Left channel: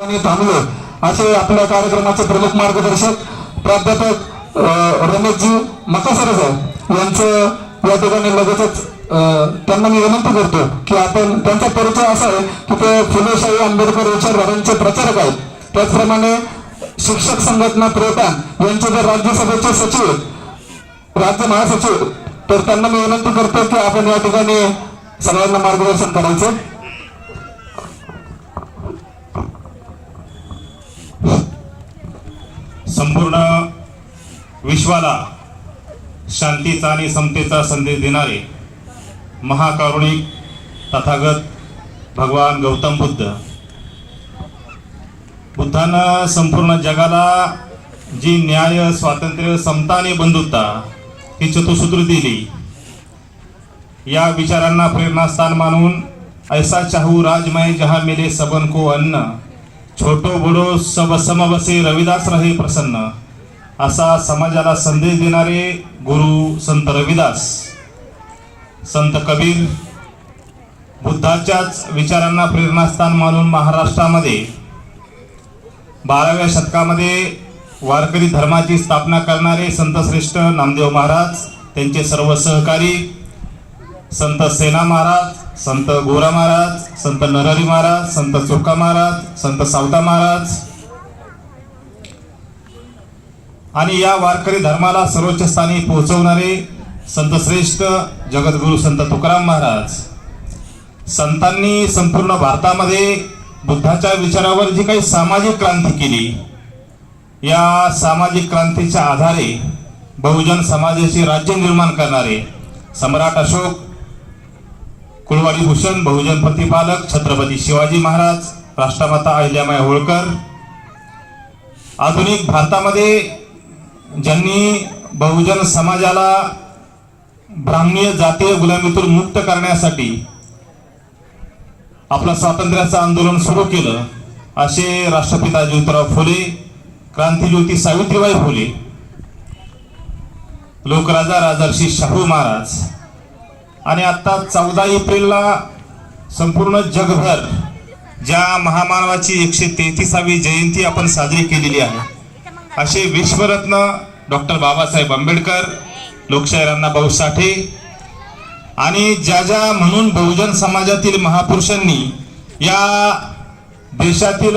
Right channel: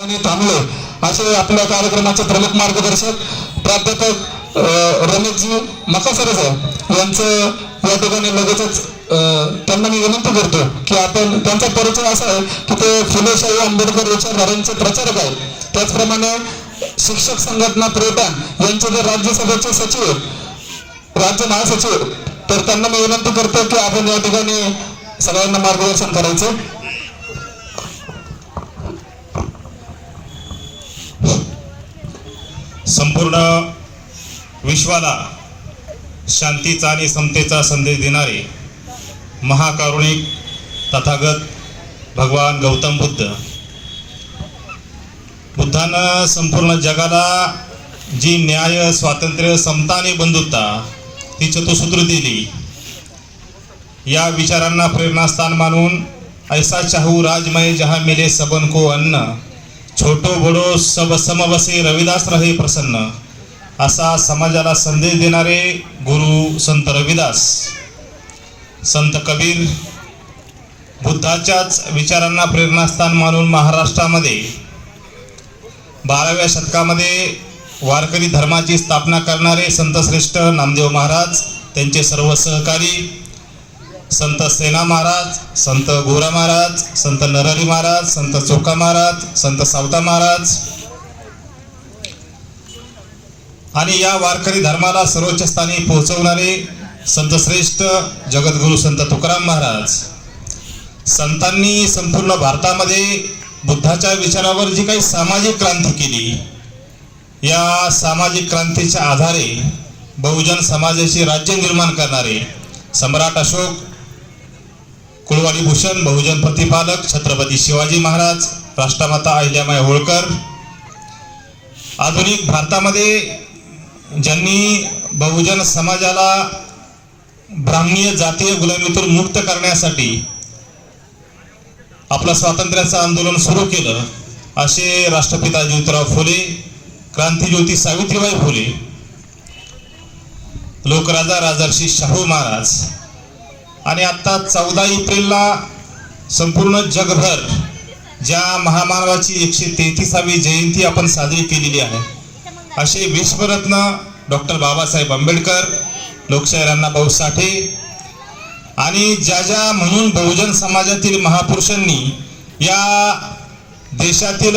थांबले असे आपल्या कार्यक्रमाचे प्रमुख मार्गदर्शक प्राध्यापक रमेशजी मकासरे साहेब यांचं या ठिकाणी लगेचच त्यांना मी विनंती करतो की आपण त्यांचा परिचय असा आहे की ते फुलेशाही आंबेडकर विचारधारांचे प्रचारक आहेत. त्याचप्रमाणे शिक्षक संघटना प्रेटान यांचे जर राज्यसभेचे सचिव राज्य महासचिव तर त्यांना मी विनंती करतो की आपण या ठिकाणी सगळ्यांना मार्गदर्शन करायचं. संपूर्ण विश्वाला शांतीचा आणि समतेचा संदेश देणारे महाकारुणिक तथागत भगवान गौतम बुद्धानं संपूर्ण जगाला जी न्याय, स्वातंत्र्य, समता आणि बंधुता ही चतुसूत्र दिली. या विचारांना प्रेरणास्थान मानून ऐसा चाहू राजमय जहां मिले सबन को अन्न, छोटो बडो सब सम बसे रविदास रहे प्रसन्न, असा समाजाला संदेश देणारे गुरु संत रविदास, संत कबीर बुद्धाच्याच विचारांना प्रेरणास्थान मानून महाराष्ट्रामध्ये 12व्या शतकामध्ये वारकरी धर्माची स्थापना करणारे संत श्रेष्ठ नामदेव महाराज, त्यांचे सर्व सहकारी संत सेना महाराज, संत गोरा महाराज, संत नरहरी महाराज, संत चोक्का महाराज, संत सावता महाराज आणि या वारकरी धर्माला सर्वोच्च स्थानी पोहोचवणारे संत श्रेष्ठ जगद्गुरु संत तुकाराम महाराज. संतांनी संपूर्ण भारतामध्ये बुद्धाच्या विचारावर जी काही सामाजिक क्रांती केली, या सामाजिक क्रांतीच्या आधारे बहुजन समाजाचे राज्य निर्माण करणारे सम्राट अशोक, कुलवाडी भूषण, बहुजन प्रतिपालक छत्रपती शिवाजी महाराज, राष्ट्रमाता अहिल्याबाई होळकर, आधुनिक भारतामध्ये ज्यांनी बहुजन समाजाला ब्राह्मणीय जातीय गुलामीतून मुक्त करण्यासाठी आपलं स्वातंत्र्याचं आंदोलन सुरू केलं, असे राष्ट्रपिता ज्योतिराव फुले, क्रांतिज्योती सावित्रीबाई फुले, लोकराजा राजर्षी शाहू महाराज आणि आता 14 एप्रिलला संपूर्ण जगभर ज्या महामानवाची 133वी जयंती आपण साजरी केलेली आहे, असे विश्वरत्न डॉक्टर बाबासाहेब आंबेडकर, लोकशाहीर अण्णाभाऊ साठे आणि ज्या म्हणून बहुजन समाजातील महापुरुषांनी या देशातील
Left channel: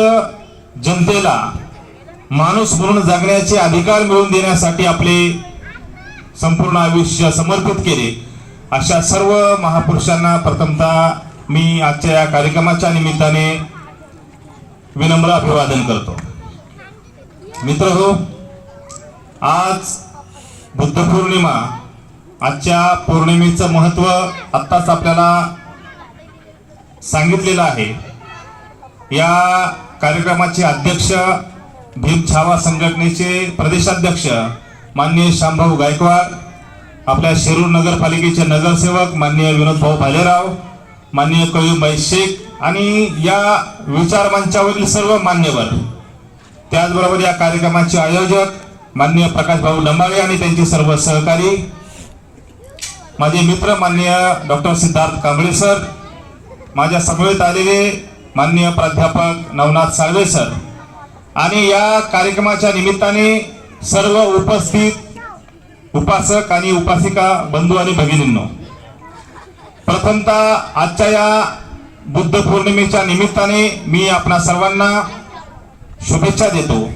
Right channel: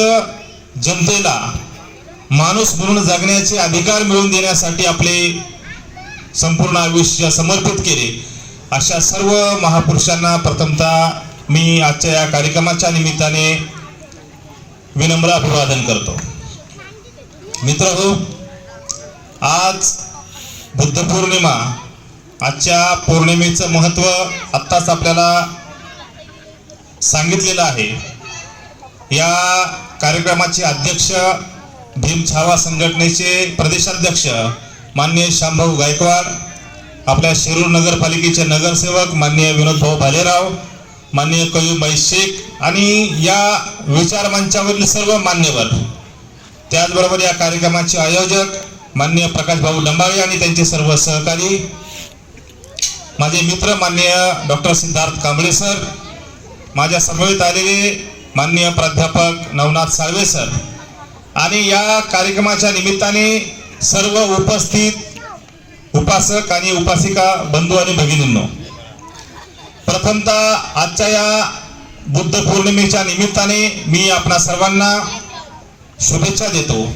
जनतेला माणूस म्हणून जगण्याचे अधिकार मिळवून देण्यासाठी आपले संपूर्ण आयुष्य समर्पित केले, अशा सर्व महापुरुषांना प्रथमतः मी आजच्या या कार्यक्रमाच्या निमित्ताने विनम्र अभिवादन करतो. मित्रहो, आज बुद्ध पौर्णिमा, आजच्या पौर्णिमेचं महत्त्व आत्ताच आपल्याला सांगितलेलं आहे. या कार्यक्रमाचे अध्यक्ष भीम छावा संघटनेचे प्रदेशाध्यक्ष माननीय शामभाऊ गायकवाड, आपल्या शिरूर नगरपालिकेचे नगरसेवक माननीय विनोदभाऊ भालेराव, माननीय कयूबाई शेख आणि या विचार मंचावरील सर्व मान्यवर, त्याचबरोबर या कार्यक्रमाचे आयोजक माननीय प्रकाशभाऊ लंबाळे आणि त्यांचे सर्व सहकारी, माझे मित्र माननीय डॉक्टर सिद्धार्थ कांबळे सर, माझ्या समवेत आलेले माननीय प्राध्यापक नवनाथ साळवे सर आणि या कार्यक्रमाच्या निमित्ताने सर्व उपस्थित उपासक आणि उपासिका बंधू आणि भगिनींनो, प्रथमतः आजच्या या बुद्ध पौर्णिमेच्या निमित्ताने मी आपणा सर्वांना शुभेच्छा देतो.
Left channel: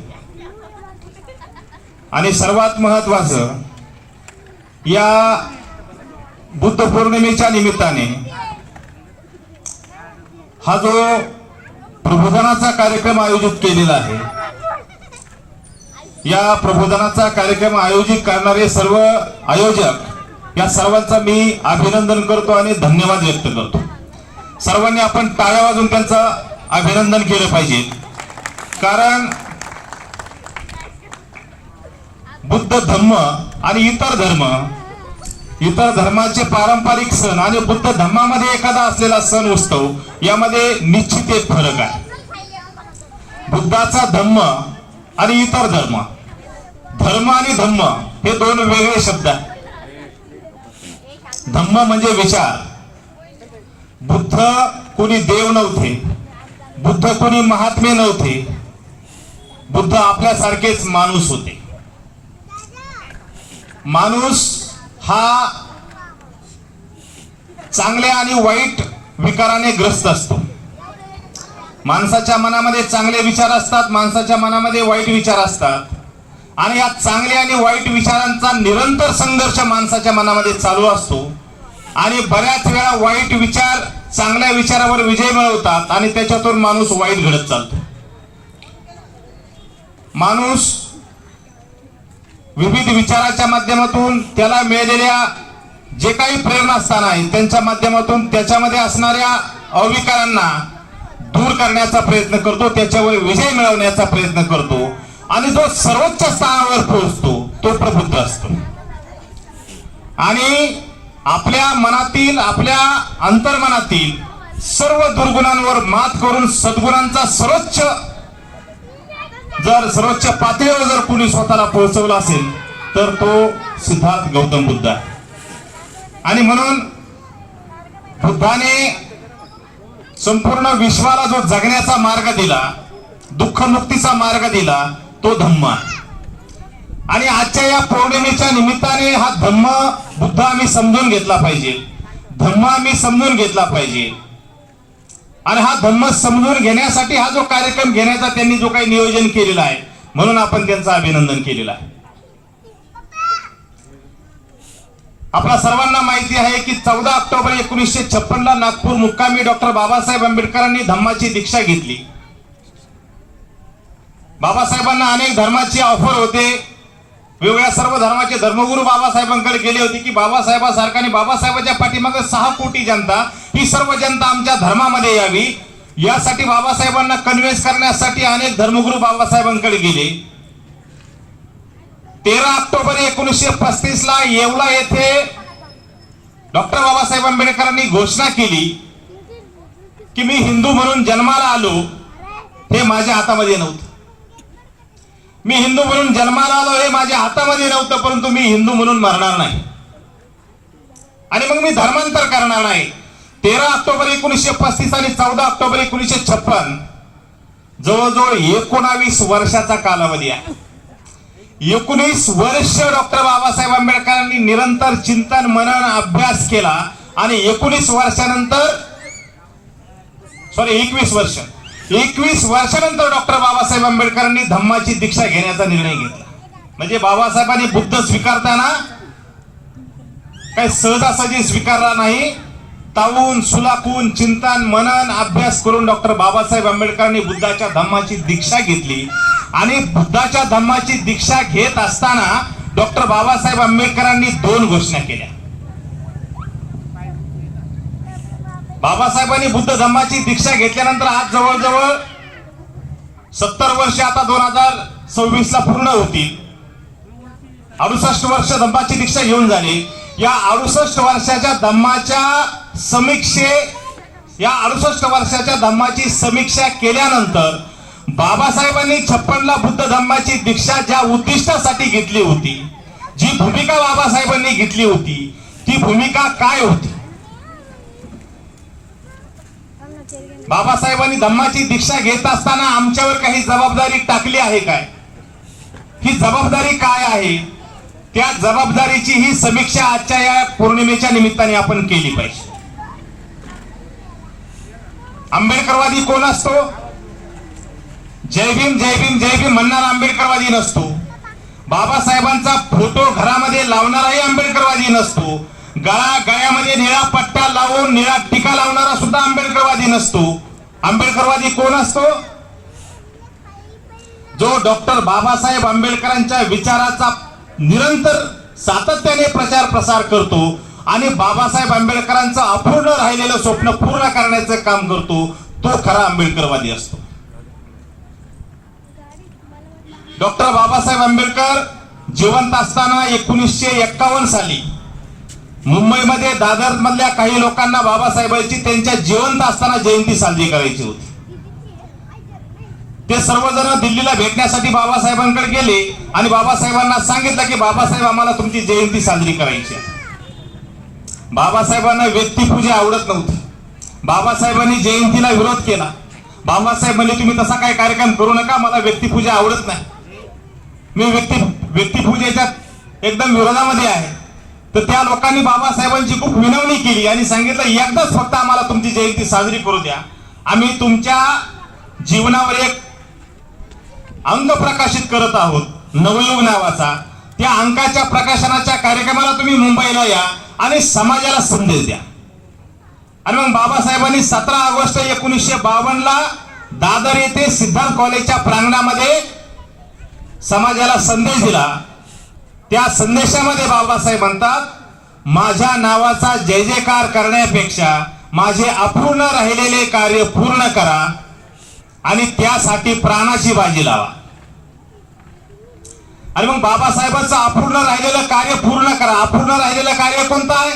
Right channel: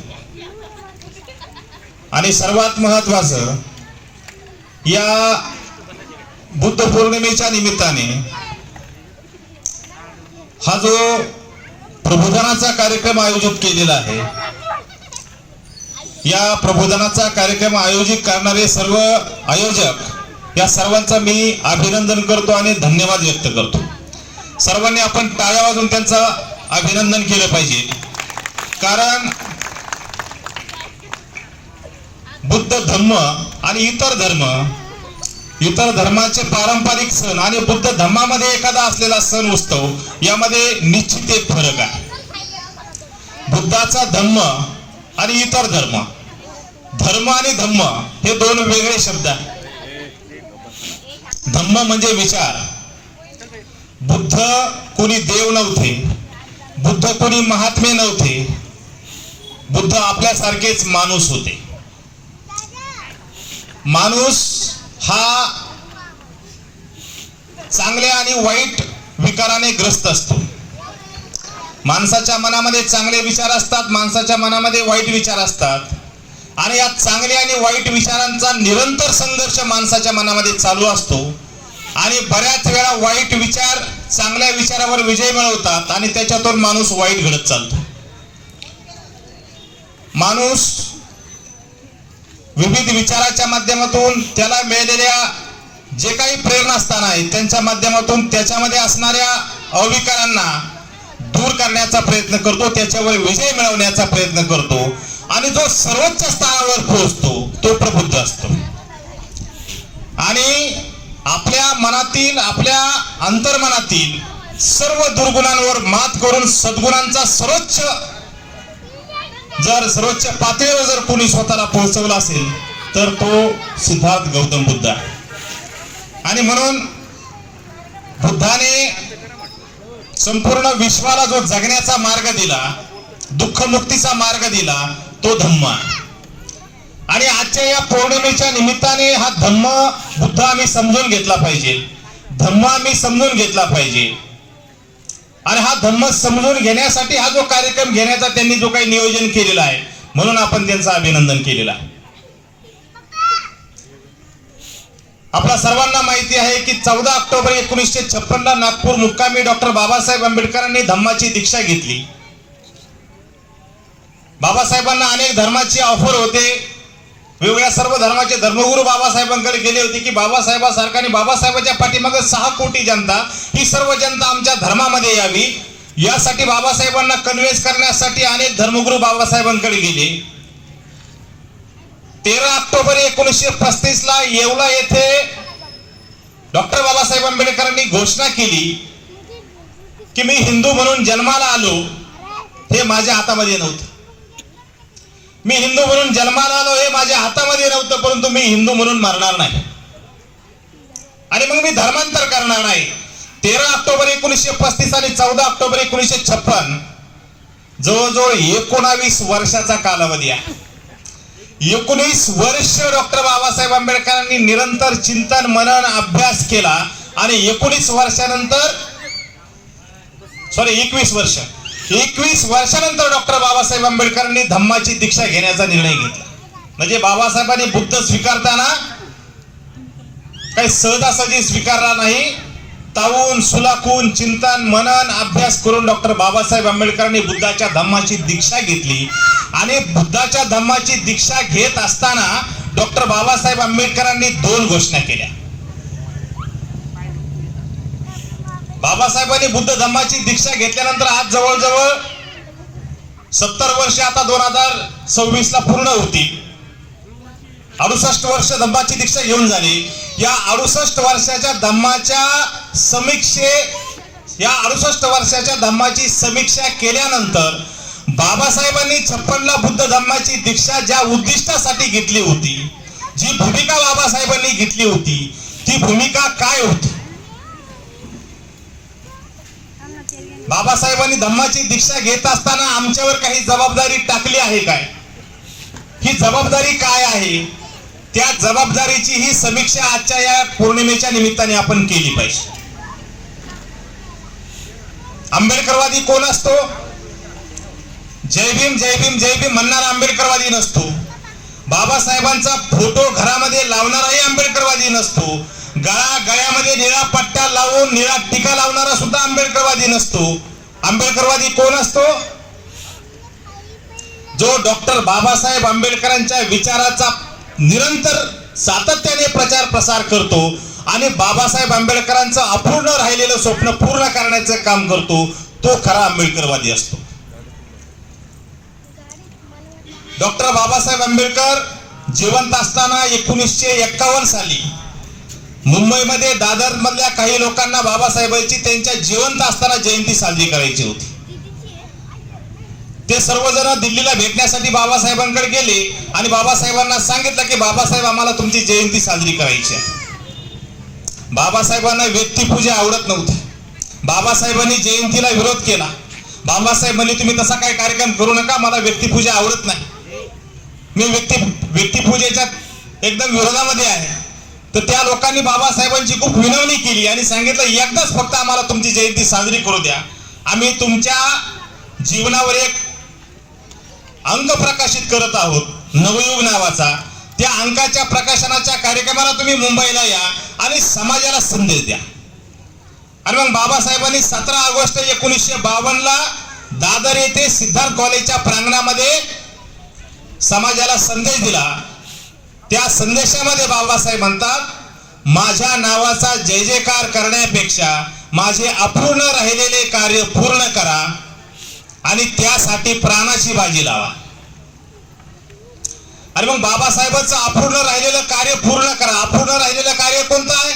आणि सर्वात महत्त्वाचं, या बुद्ध पौर्णिमेच्या निमित्ताने हा जो प्रबोधनाचा कार्यक्रम आयोजित केलेला आहे, या प्रबोधनाचा कार्यक्रम आयोजित करणारे सर्व आयोजक, या सर्वांचा मी अभिनंदन करतो आणि धन्यवाद व्यक्त करतो. सर्वांनी आपण टाळ्या वाजवून त्यांचं अभिनंदन केलं पाहिजे, कारण बुद्ध धम्म आणि इतर धर्माचे पारंपरिक सण आणि बुद्ध धम्मामध्ये एखादा असलेला सण उत्सव यामध्ये निश्चित एक फरक आहे. बुद्धाचा धम्म आणि इतर धर्म, धर्म आणि धम्म हे दोन वेगळे शब्द आहेत. धम्म म्हणजे विचार. बुद्ध कोणी देव नव्हते, बुद्ध कोणी महात्मे नव्हते, बुद्ध आपल्यासारखेच माणूस होते. माणूस हा चांगल्या आणि वाईट विकाराने ग्रस्त असतो. माणसाच्या मनामध्ये चांगले विचार असतात, माणसाच्या मनामध्ये वाईट विचार असतात, आणि या चांगल्या आणि वाईट विचारांचा निरंतर संघर्ष माणसाच्या मनामध्ये चालू असतो. आणि बऱ्याच वेळा वाईट विचार चांगल्या विचारावर विजय मिळवतात आणि त्याच्यातून माणूस वाईट घडत चालतो. माणूस विविध विचाराच्या माध्यमातून त्याला मिळालेल्या जे काही प्रेरणास्थान आहेत त्यांच्या माध्यमातून त्याच्यामध्ये असणाऱ्या अविकारांना दूर करण्याचा प्रयत्न करतो, त्याच्यावर विजय मिळवण्याचा प्रयत्न करतो, आणि जो सर्वोच्च स्थानावर पोहोचतो तो प्रबुद्ध असतो. आणि आपल्या मनातील, आपल्या अंतर्मनातील सर्व दुर्गुणांवर मात करून सद्गुणांचा सर्वोच्च पातळीवर जर कोणी स्वतःला पोहोचवला असेल तर तो सिद्धार्थ गौतम बुद्ध आहे. आणि म्हणून बुद्धाने संपूर्ण विश्वाला जो जगण्याचा मार्ग दिला, दुःखमुक्तीचा मार्ग दिला, तो धम्म आहे. आणि आजच्या या पौर्णिमेच्या निमित्ताने हा धम्म बुद्ध आम्ही समजून घेतला पाहिजे, धम्म आम्ही समजून घेतला पाहिजे. आणि हा धम्म समजून घेण्यासाठी हा जो कार्यक्रम घेण्याचा त्यांनी जो काही नियोजन केलेला आहे, म्हणून आपण त्यांचं अभिनंदन केलेलं आहे. आपल्या सर्वांना माहिती आहे की 14 ऑक्टोबर 1956 ला नागपूर मुक्कामी डॉक्टर बाबासाहेब आंबेडकरांनी धम्माची दीक्षा घेतली. बाबासाहेबांना अनेक धर्माची ऑफर होते, वेगवेगळ्या सर्व धर्माचे धर्मगुरू बाबासाहेबांकडे गेले होते की बाबासाहेबांसारखा आणि बाबासाहेबांच्या पाठीमागे 6 कोटी जनता, ही सर्व जनता आमच्या धर्मामध्ये यावी, यासाठी बाबासाहेबांना कन्व्हिन्स करण्यासाठी अनेक धर्मगुरू बाबासाहेबांकडे गेले. 13 ऑक्टोबर 1935 ला येवला येथे डॉक्टर बाबासाहेब आंबेडकरांनी घोषणा केली की मी हिंदू म्हणून जन्माला आलो हे माझ्या हातामध्ये नव्हतं. मी हिंदू म्हणून जन्माला आलो हे माझ्या हातामध्ये नव्हतं, परंतु मी हिंदू म्हणून मरणार नाही आणि मग मी धर्मांतर करणार नाही. 13 ऑक्टोबर 1935 आणि 14 ऑक्टोबर 1956 जवळजवळ 19 वर्षाचा कालावधी आहे. 19 वर्ष डॉक्टर बाबासाहेब आंबेडकरांनी निरंतर चिंतन, मनन, अभ्यास केला आणि 21 वर्षानंतर डॉक्टर बाबासाहेब आंबेडकरांनी धम्माची दीक्षा घेण्याचा निर्णय घेतला. म्हणजे बाबासाहेबांनी बुद्ध स्वीकारताना काही सहजासहजी स्वीकारला नाही, तावून सुलाखून चिंतन, मनन, अभ्यास करून डॉक्टर बाबासाहेब आंबेडकरांनी बुद्धाच्या धम्माची दीक्षा घेतली. आणि बुद्धाच्या धम्माची दीक्षा घेत असताना डॉक्टर बाबासाहेब आंबेडकरांनी 2 घोषणा केल्या. बाबासाहेबांनी बुद्ध धम्माची दीक्षा घेतल्यानंतर आज जवळजवळ 70 वर्ष आता 2026 ला पूर्ण होतील. 68 वर्ष धम्माची दीक्षा घेऊन झाली. या 68 वर्षाच्या धम्माची समीक्षा केल्यानंतर बाबासाहेबांनी 56 ला बुद्ध धम्माची दीक्षा ज्या उद्दिष्टासाठी घेतली होती, जी भूमिका बाबासाहेबांनी घेतली होती, ती भूमिका काय होती? बाबासाहेबांनी धम्माची दीक्षा घेत असताना आमच्यावर काही जबाबदारी टाकली आहे काय? ही जबाबदारी काय आहे? त्या जबाबदारीची ही समीक्षा आजच्या या पौर्णिमेच्या निमित्ताने आपण केली पाहिजे. आंबेडकरवादी कोण असतो? जय भीम जय भीम जय भीम म्हणणारा आंबेडकरवादी नसतो. बाबासाहेबांचा फोटो घरामध्ये लावणाराही आंबेडकरवादी नसतो. गळ्यामध्ये निळा पट्टा लावून निळा टिका लावणारा सुद्धा आंबेडकरवादी नसतो. आंबेडकरवादी कोण असतो? जो डॉक्टर बाबासाहेब आंबेडकरांच्या विचाराचा निरंतर सातत्याने प्रचार प्रसार करतो आणि बाबासाहेब आंबेडकरांचं अपूर्ण राहिलेलं स्वप्न पूर्ण करण्याचं काम करतो, तो खरा आंबेडकरवादी असतो. डॉक्टर बाबासाहेब आंबेडकर जिवंत असताना 1951 साली मुंबईमध्ये दादर मधल्या काही लोकांना बाबासाहेबांची त्यांच्या जिवंत असताना जयंती साजरी करायची होती. ते सर्वजण दिल्लीला भेटण्यासाठी बाबासाहेबांकडे गेले आणि बाबासाहेबांना सांगितलं की बाबासाहेब आम्हाला तुमची जयंती साजरी करायची आहे. बाबासाहेबांना व्यक्तिपूजा आवडत नव्हती. बाबासाहेबांनी जयंतीला विरोध केला. बाबासाहेब म्हणले तुम्ही तसा काही कार्यक्रम करू नका, मला व्यक्तिपूजा आवडत नाही, मी व्यक्तिपूजेच्या एकदम विरोधामध्ये आहे. तर त्या लोकांनी बाबासाहेबांची खूप विनवणी केली आणि सांगितलं एकदाच फक्त आम्हाला तुमची जयंती साजरी करू द्या, आम्ही तुमच्या जीवनावर एक अंक प्रकाशित करत आहोत नवयुग नावाचा, त्या अंकाच्या प्रकाशनाच्या कार्यक्रमाला तुम्ही मुंबईला या आणि समाजाला संदेश द्या. आणि मग बाबासाहेबांनी 17 ऑगस्ट 1952 दादर येथे सिद्धार्थ कॉलेजच्या प्रांगणामध्ये समाजाला संदेश दिला. त्या संदेशामध्ये बाबासाहेब म्हणतात, माझ्या नावाचा जय जयकार करण्यापेक्षा माझे अपूर्ण राहिलेले कार्य पूर्ण करा आणि त्यासाठी प्राणाची बाजी लावा. आणि मग बाबासाहेबांचं अपूर्ण राहिलेलं कार्य पूर्ण करा. अपूर्ण राहिलेलं कार्य कोणतं आहे?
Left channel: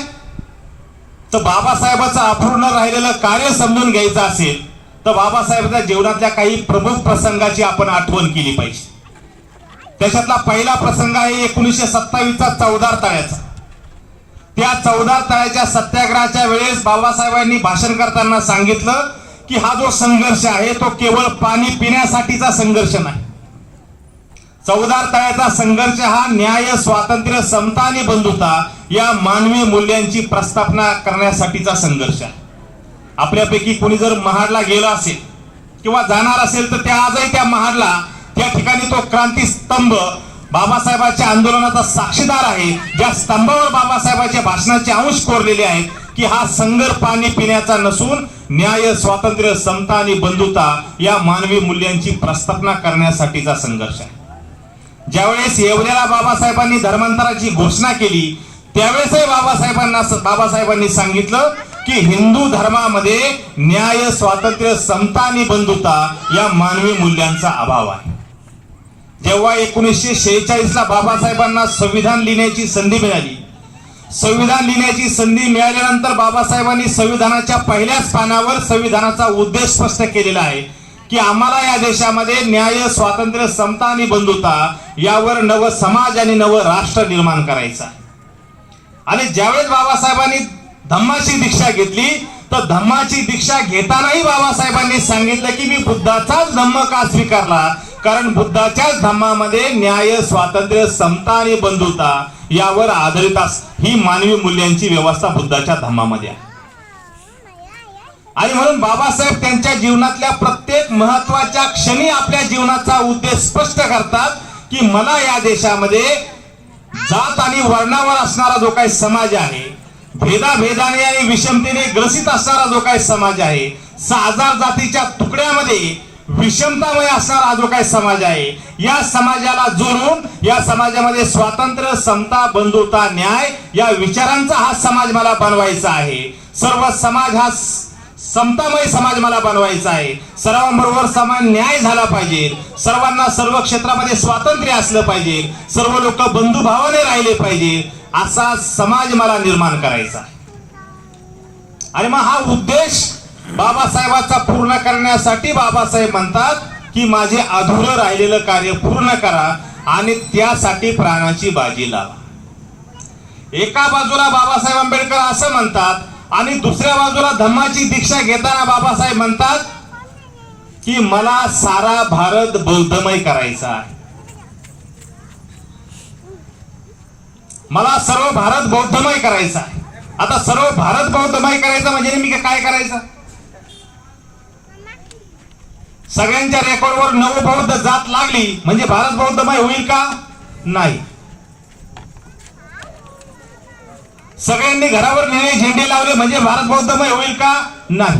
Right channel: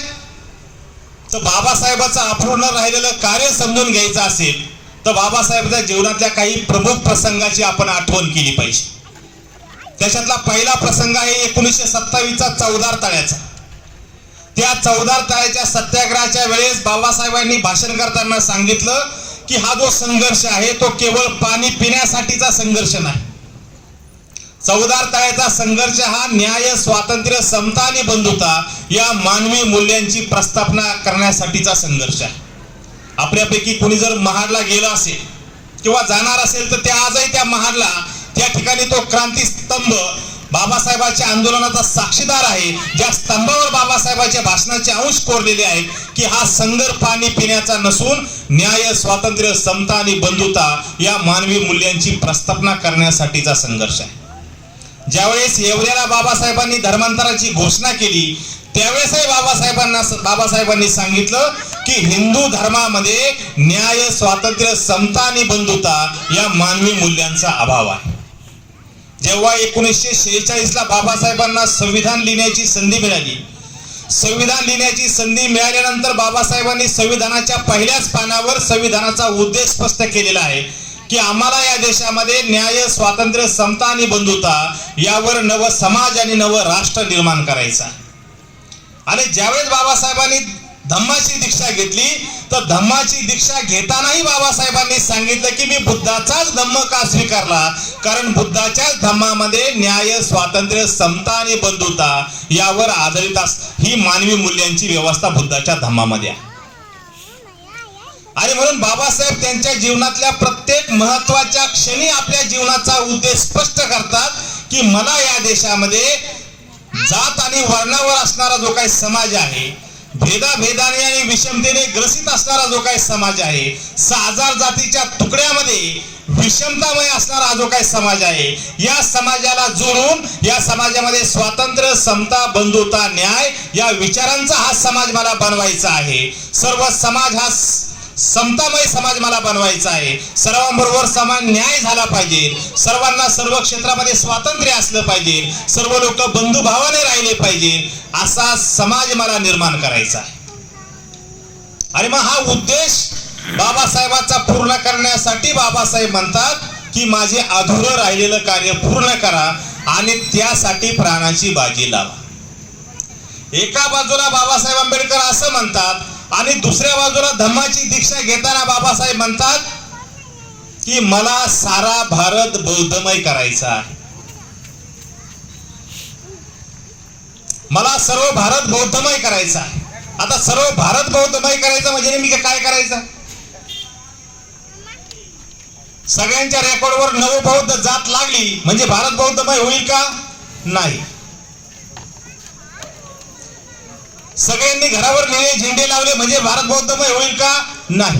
तर बाबासाहेबांचं अपूर्ण राहिलेलं कार्य समजून घ्यायचं असेल तर बाबासाहेबांच्या जीवनातल्या काही प्रमुख प्रसंगाची आपण आठवण केली पाहिजे. त्याच्यातला पहिला प्रसंग आहे 1927चा चौदार तळ्याचा. त्या चौदार तळ्याच्या सत्याग्रहाच्या वेळेस बाबासाहेबांनी भाषण करताना सांगितलं की हा जो संघर्ष आहे तो केवळ पाणी पिण्यासाठीचा संघर्ष नाही. चौदार तळ्याचा संघर्ष हा न्याय, स्वातंत्र्य, समता आणि बंधुता या मानवी मूल्यांची प्रस्थापना करण्यासाठीचा संघर्ष आहे. आपल्यापैकी कोणी जर महाडला गेला असेल किंवा जाणार असेल तर त्या आजही त्या महाडला त्या ठिकाणी तो क्रांती स्तंभ बाबासाहेबांच्या आंदोलनाचा साक्षीदार आहे, ज्या स्तंभावर बाबासाहेबांच्या भाषणाचे अंश कोरलेले आहेत की हा संघर्ष पाणी पिण्याचा नसून न्याय, स्वातंत्र्य, समता आणि बंधुता या मानवी मूल्यांची प्रस्थापना करण्यासाठीचा संघर्ष आहे. ज्यावेळेस येवल्याला बाबासाहेबांनी धर्मांतराची घोषणा केली त्यावेळेसही बाबासाहेबांनी सांगितलं की हिंदू धर्मामध्ये न्याय, स्वातंत्र्य, समता आणि बंधुता या मानवी मूल्यांचा अभाव आहे. जेव्हा 1946ला बाबासाहेबांना संविधान लिहिण्याची संधी मिळाली, संविधान लिहिण्याची संधी मिळाल्यानंतर बाबासाहेबांनी संविधानाच्या पहिल्याच पानावर संविधानाचा उद्देश स्पष्ट केलेला आहे की आम्हाला या देशामध्ये न्याय, स्वातंत्र्य, समता आणि बंधुता यावर नव समाज आणि नव राष्ट्र निर्माण करायचं आहे. आणि ज्यावेळेस बाबासाहेबांनी धम्माची दीक्षा घेतली तर धम्माची दीक्षा घेतानाही बाबासाहेबांनी सांगितलं की मी बुद्धाचाच धम्म का स्वीकारला, कारण बुद्धाच्याच धम्मामध्ये न्याय, स्वातंत्र्य, समता आणि बंधुता यावर आधारित ही मानवी मूल्यांची व्यवस्था बुद्धाच्या धम्मामध्ये आहे. आणि म्हणून बाबासाहेब त्यांच्या जीवनातल्या प्रत्येक महत्वाच्या क्षणी आपल्या जीवनाचा उद्देश स्पष्ट करतात की मला या देशामध्ये जात आणि वर्णावर असणारा जो काही समाज आहे, भेदाभेदाने आणि विषमतेने ग्रसित असणारा जो काही समाज आहे, 6000 जातीच्या तुकड्यामध्ये विषमतामय असणारा जो काही समाज आहे, या समाजाला जोडून या समाजामध्ये स्वातंत्र्य, समता, बंधुता, न्याय या विचारांचा हा समाज मला बनवायचा आहे. सर्व समाज हा समतामय समाज मला बनवायचा आहे. सर्वांबरोबर समान न्याय झाला पाहिजे, सर्वांना सर्व क्षेत्रामध्ये स्वातंत्र्य असलं पाहिजे, सर्व लोक बंधुभावाने राहिले पाहिजे, असा समाज मला निर्माण करायचा आहे. आणि मग हा उद्देश बाबासाहेबांचा पूर्ण करण्यासाठी बाबासाहेब म्हणतात की माझे अधुरं राहिलेलं कार्य पूर्ण करा आणि त्यासाठी प्राणाची बाजी लावा. एका बाजूला बाबासाहेब आंबेडकर असं म्हणतात आणि दुसऱ्या बाजूला धम्माची दीक्षा घेताना बाबासाहेब म्हणतात की मला सारा भारत बौद्धमय करायचा आहे, मला सर्व भारत बौद्धमय करायचा आहे. आता सर्व भारत बौद्धमय करायचं म्हणजे नेमकं काय करायचं? सगळ्यांच्या रेकॉर्डवर नवबौद्ध जात लागली म्हणजे भारत बौद्धमय होईल का? नाही. सगळ्यांनी घरावर निळे झेंडे लावले म्हणजे भारत बौद्धमय होईल का? नाही.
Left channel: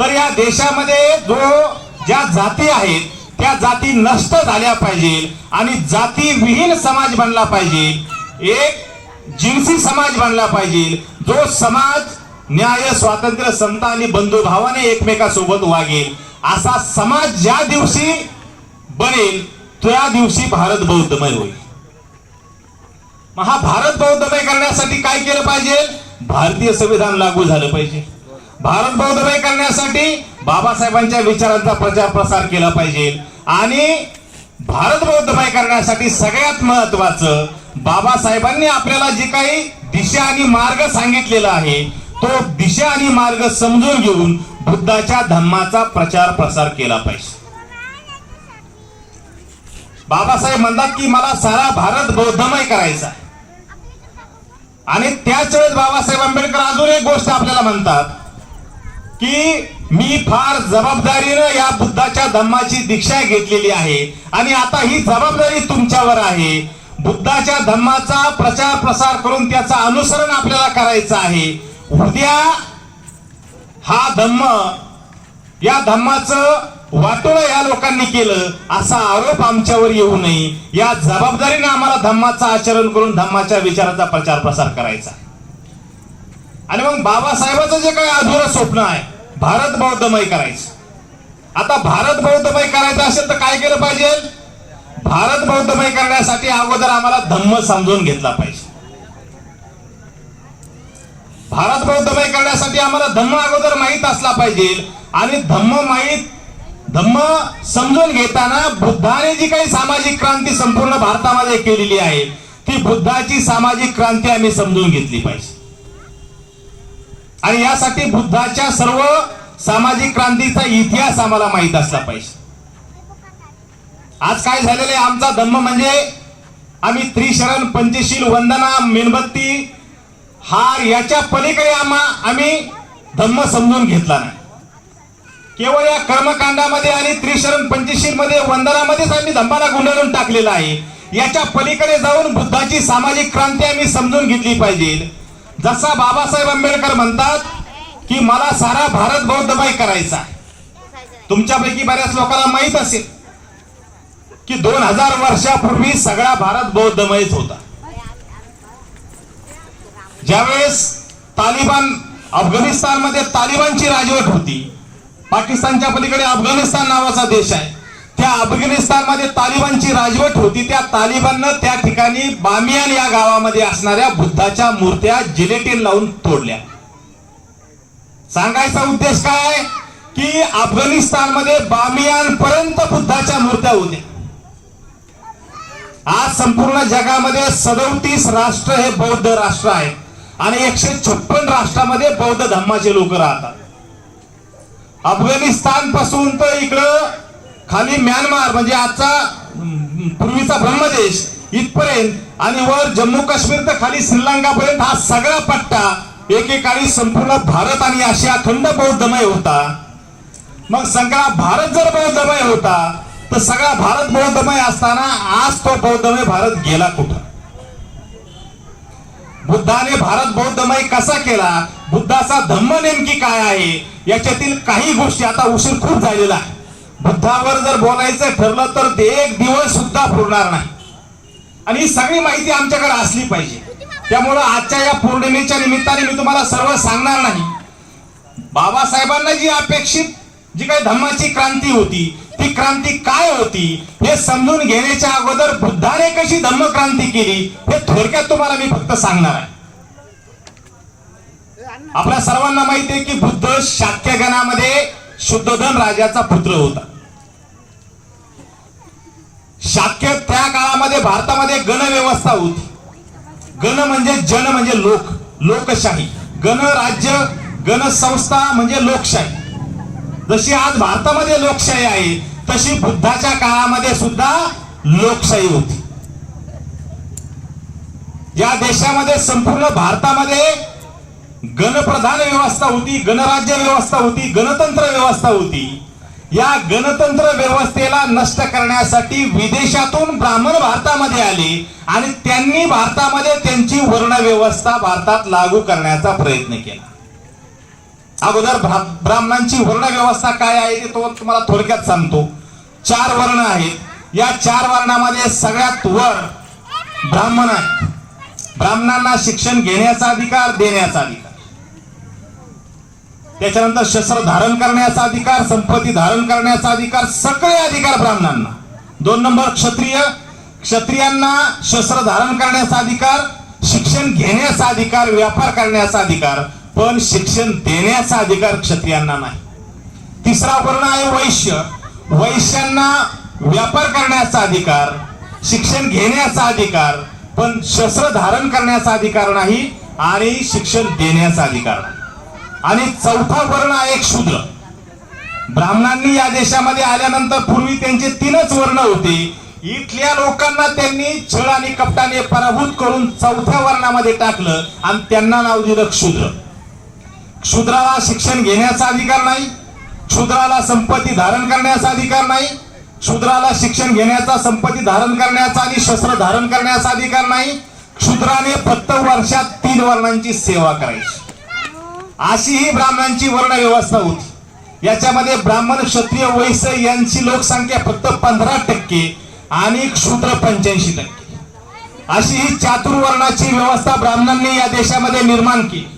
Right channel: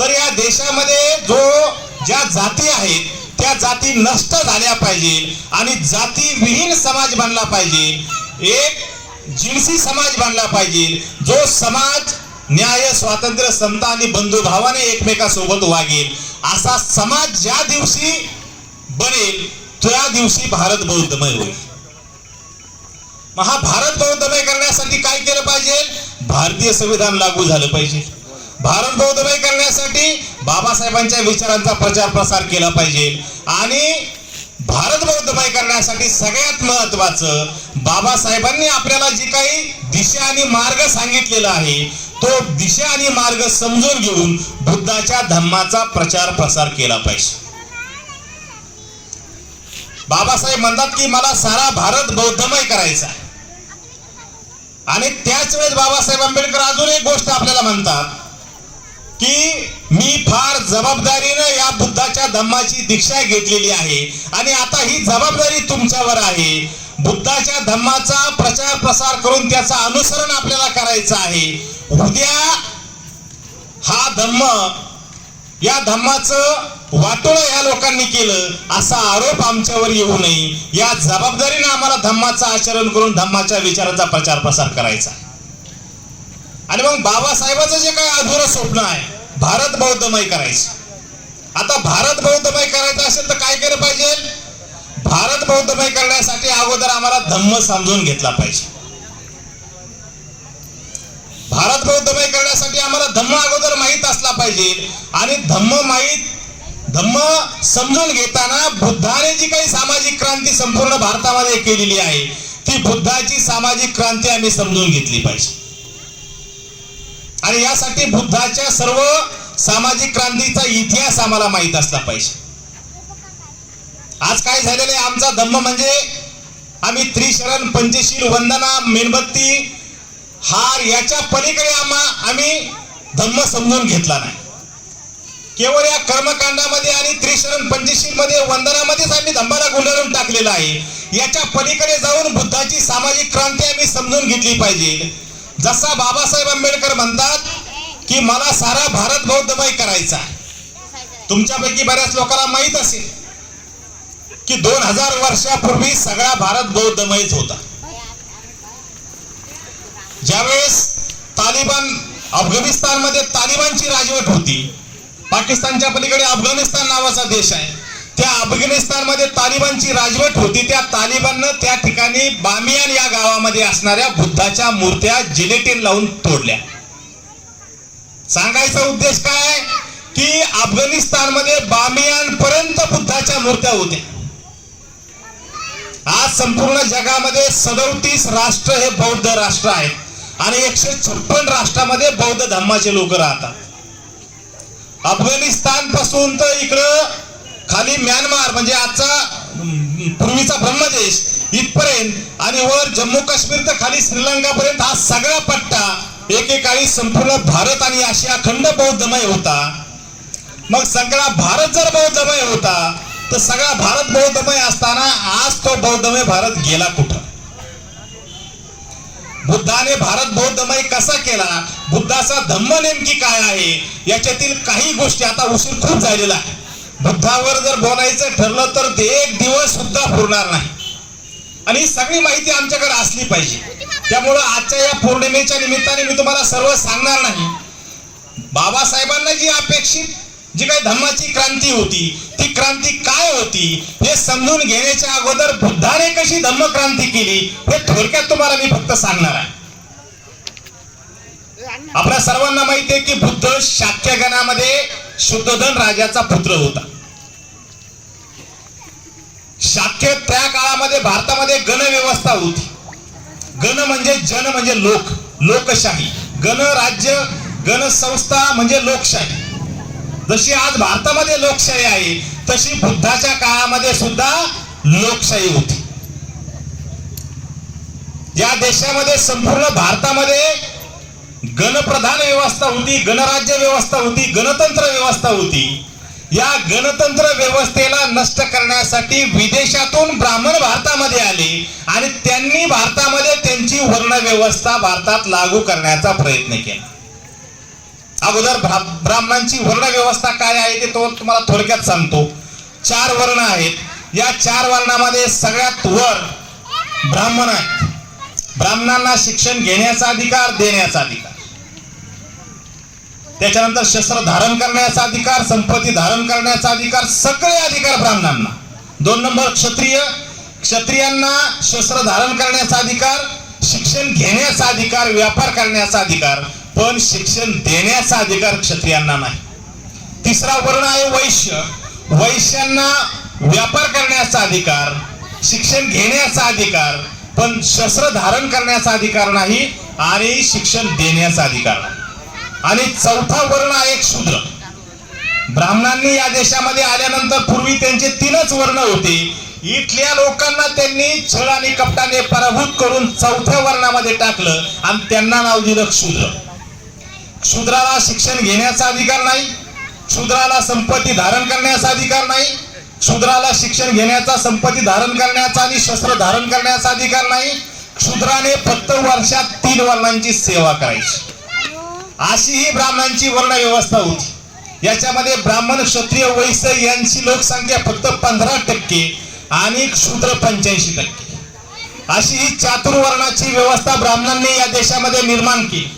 तर या देशामध्ये ज्या जाती आहेत त्या जाती नष्ट झाल्या पाहिजे आणि जाती विहीन समाज बनला पाहिजे, एक जिन्सी समाज बनला पाहिजे, जो समाज न्याय, स्वातंत्र्य, समता आणि बंधुभावाने एकमेकांसोबत वागेल. असा समाज ज्या दिवशी बनेल त्या दिवशी भारत बौद्धमय होईल. मग हा भारत बौद्धमय करण्यासाठी काय केलं पाहिजे? भारतीय संविधान लागू झालं पाहिजे. भारत बौद्धमय करण्यासाठी बाबासाहेबांच्या विचारांचा प्रचार प्रसार केला पाहिजे. आणि भारत बौद्धमय करण्यासाठी सगळ्यात महत्वाचं बाबासाहेबांनी आपल्याला जी काही दिशा आणि मार्ग सांगितलेला आहे तो दिशा आणि मार्ग समजून घेऊन बुद्धाच्या धम्माचा प्रचार प्रसार केला पाहिजे. बाबासाहेब म्हणतात की मला सारा भारत बौद्धमय करायचा आहे. आणि त्याच वेळेस बाबासाहेब आंबेडकर अजून एक गोष्ट आपल्याला म्हणतात की मी फार जबाबदारीने या बुद्धाच्या धम्माची दीक्षा घेतलेली आहे आणि आता ही जबाबदारी तुमच्यावर आहे. बुद्धाच्या धम्माचा प्रचार प्रसार करून त्याचा अनुसरण आपल्याला करायचं आहे. उद्या हा धम्म, या धम्माचं वाटोळं या लोकांनी केलं असा आरोप आमच्यावर येऊ नये, या जबाबदारीने आम्हाला धम्माचं आचरण करून धम्माच्या विचाराचा प्रचार प्रसार करायचा. आणि मग बाबासाहेबांचं जे काही अधुरं स्वप्न आहे भारत बौद्धमय करायचं. आता भारत बौद्धमय करायचं असेल तर काय केलं पाहिजे? भारत बौद्धमय करण्यासाठी अगोदर आम्हाला धम्म समजून घेतला पाहिजे. भारत बौद्धमय करण्यासाठी आम्हाला धम्म अगोदर माहीत असला पाहिजे. आणि धम्म समजून घेताना बुद्धाने जी काही सामाजिक क्रांती संपूर्ण भारतामध्ये केलेली आहे ती बुद्धाची सामाजिक क्रांती आम्ही समजून घेतली पाहिजे. आणि यासाठी बुद्धाच्या सर्व सामाजिक क्रांतीचा इतिहास आम्हाला माहित असला पाहिजे. आज काय झालेलं आहे, आमचा धम्म म्हणजे आम्ही त्रिशरण, पंचशील, वंदना, मेणबत्ती, हार याच्या पलीकडे आम्ही धम्म समजून घेतला नाही. केवळ या कर्मकांडामध्ये आणि त्रिशरण, पंचशील मध्ये, वंदनामध्येच आम्ही धम्माला गुंडाळून टाकलेला आहे. याच्या पलीकडे जाऊन बुद्धाची सामाजिक क्रांती आम्ही समजून घेतली पाहिजे. जसा बाबासाहेब आंबेडकर म्हणतात की मला सारा भारत बौद्धमय करायचा. तुमच्यापैकी बऱ्याच लोकांना माहित असेल की 2000 वर्षापूर्वी सगळा भारत बौद्धमयच होता. ज्यावेळेस तालिबान, अफगाणिस्तानमध्ये तालिबानची राजवट होती, पाकिस्तानच्या पलीकडे अफगाणिस्तान नावाचा देश आहे, त्या अफगाणिस्तानमध्ये तालिबानची राजवट होती. त्या तालिबाननं त्या ठिकाणी बामियान या गावामध्ये असणाऱ्या बुद्धाच्या मूर्त्या जिलेटिन लावून तोडल्या. सांगायचा उद्देश काय की अफगाणिस्तानमध्ये बामियान पर्यंत बुद्धाच्या मूर्त्या होत्या. आज संपूर्ण जगामध्ये 37 राष्ट्र हे बौद्ध राष्ट्र आहेत आणि 156 राष्ट्रामध्ये बौद्ध धर्माचे लोक राहतात. अफगाणिस्तान पासून तर इकडं खाली म्यानमार म्हणजे आजचा पूर्वीचा ब्रह्मदेश इथपर्यंत आणि वर जम्मू काश्मीर तर खाली श्रीलंका पर्यंत हा सगळा पट्टा एकेकाळी संपूर्ण भारत आणि आशिया खंड बौद्धमय होता. मग सगळा भारत जर बौद्धमय होता तर सगळा भारत बौद्धमय असताना आज तो बौद्धमय भारत गेला कुठं? बुद्धाने भारत बौद्धमय कसा केला, बुद्धाचा धम्म नेमकी काय आहे, याच्यातील काही गोष्टी, आता उशीर खूप झालेला आहे, बुद्धावर जर बोलायचं ठरलं तर ते एक दिवस सुद्धा पुरणार नाही. आणि ही सगळी माहिती आमच्याकडे असली पाहिजे. त्यामुळं आजच्या या पौर्णिमेच्या निमित्ताने मी तुम्हाला सर्व सांगणार नाही. बाबासाहेबांना जी अपेक्षित जी काही धम्माची क्रांती होती ती क्रांती काय होती हे समजून घेण्याच्या अगोदर बुद्धाने कशी धम्म क्रांती केली हे थोडक्यात तुम्हाला मी फक्त सांगणार आहे. आपल्या सर्वांना माहिती आहे की बुद्ध शाक्य गणामध्ये शुद्धोधन राजाचा पुत्र होता. शाक्य त्या काळामध्ये भारतामध्ये गण व्यवस्था होती. गण म्हणजे जन म्हणजे लोक, लोकशाही. गण राज्य, गण संस्था म्हणजे लोकशाही. जशी आज भारतामध्ये लोकशाही आहे तशी बुद्धाच्या काळामध्ये सुद्धा लोकशाही होती. या देशामध्ये संपूर्ण भारतामध्ये गणप्रधान व्यवस्था होती, गणराज्य व्यवस्था होती, गणतंत्र व्यवस्था होती. या गणतंत्र व्यवस्थेला नष्ट करण्यासाठी विदेशातून ब्राह्मण भारतामध्ये आले आणि त्यांनी भारतामध्ये त्यांची वर्ण व्यवस्था भारतात लागू करण्याचा प्रयत्न केला. अगोदर ब्राह्मणांची वर्ण व्यवस्था काय आहे ते तुम्हाला थोडक्यात सांगतो. 4 वर्ण आहेत. या 4 वर्णामध्ये सगळ्यात वर ब्राह्मण आहेत. ब्राह्मणांना शिक्षण घेण्याचा अधिकार, देण्याचा अधिकार, त्याच्यानंतर शस्त्र धारण करण्याचा अधिकार, संपत्ती धारण करण्याचा अधिकार, सगळे अधिकार ब्राह्मणांना. 2 नंबर क्षत्रिय, क्षत्रियांना शस्त्र धारण करण्याचा अधिकार, शिक्षण घेण्याचा अधिकार, व्यापार करण्याचा अधिकार, पण शिक्षण देण्याचा अधिकार क्षत्रियांना नाही. 3रा वर्ण आहे वैश्य. वैश्यांना व्यापार करण्याचा अधिकार, शिक्षण घेण्याचा अधिकार, पण शस्त्र धारण करण्याचा अधिकार नाही आणि शिक्षण देण्याचा अधिकार नाही. आणि चौथा वर्ण आहे एक शूद्र. ब्राह्मणांनी या देशामध्ये आल्यानंतर पूर्वी त्यांचे 3च वर्ण होते. इथल्या लोकांना त्यांनी छळ आणि कपटाने पराभूत करून चौथ्या वर्णामध्ये टाकलं आणि त्यांना नाव दिलं शूद्र. शूद्राला शिक्षण घेण्याचा अधिकार नाही, शूद्राला संपत्ती धारण करण्याचा अधिकार नाही, शूद्राला शिक्षण घेण्याचा, संपत्ती धारण करण्याचा आणि शस्त्र धारण करण्याचा अधिकार नाही. शूद्राने फक्त वर्षात 3 वर्णांची सेवा करायची, अशी ही ब्राह्मणांची वर्ण व्यवस्था होती. याच्यामध्ये ब्राह्मण, क्षत्रिय, वैश्य यांची लोकसंख्या फक्त 15% आणि शूद्र 85%. अशी ही चातुर्वर्णाची व्यवस्था ब्राह्मणांनी या देशामध्ये निर्माण केली.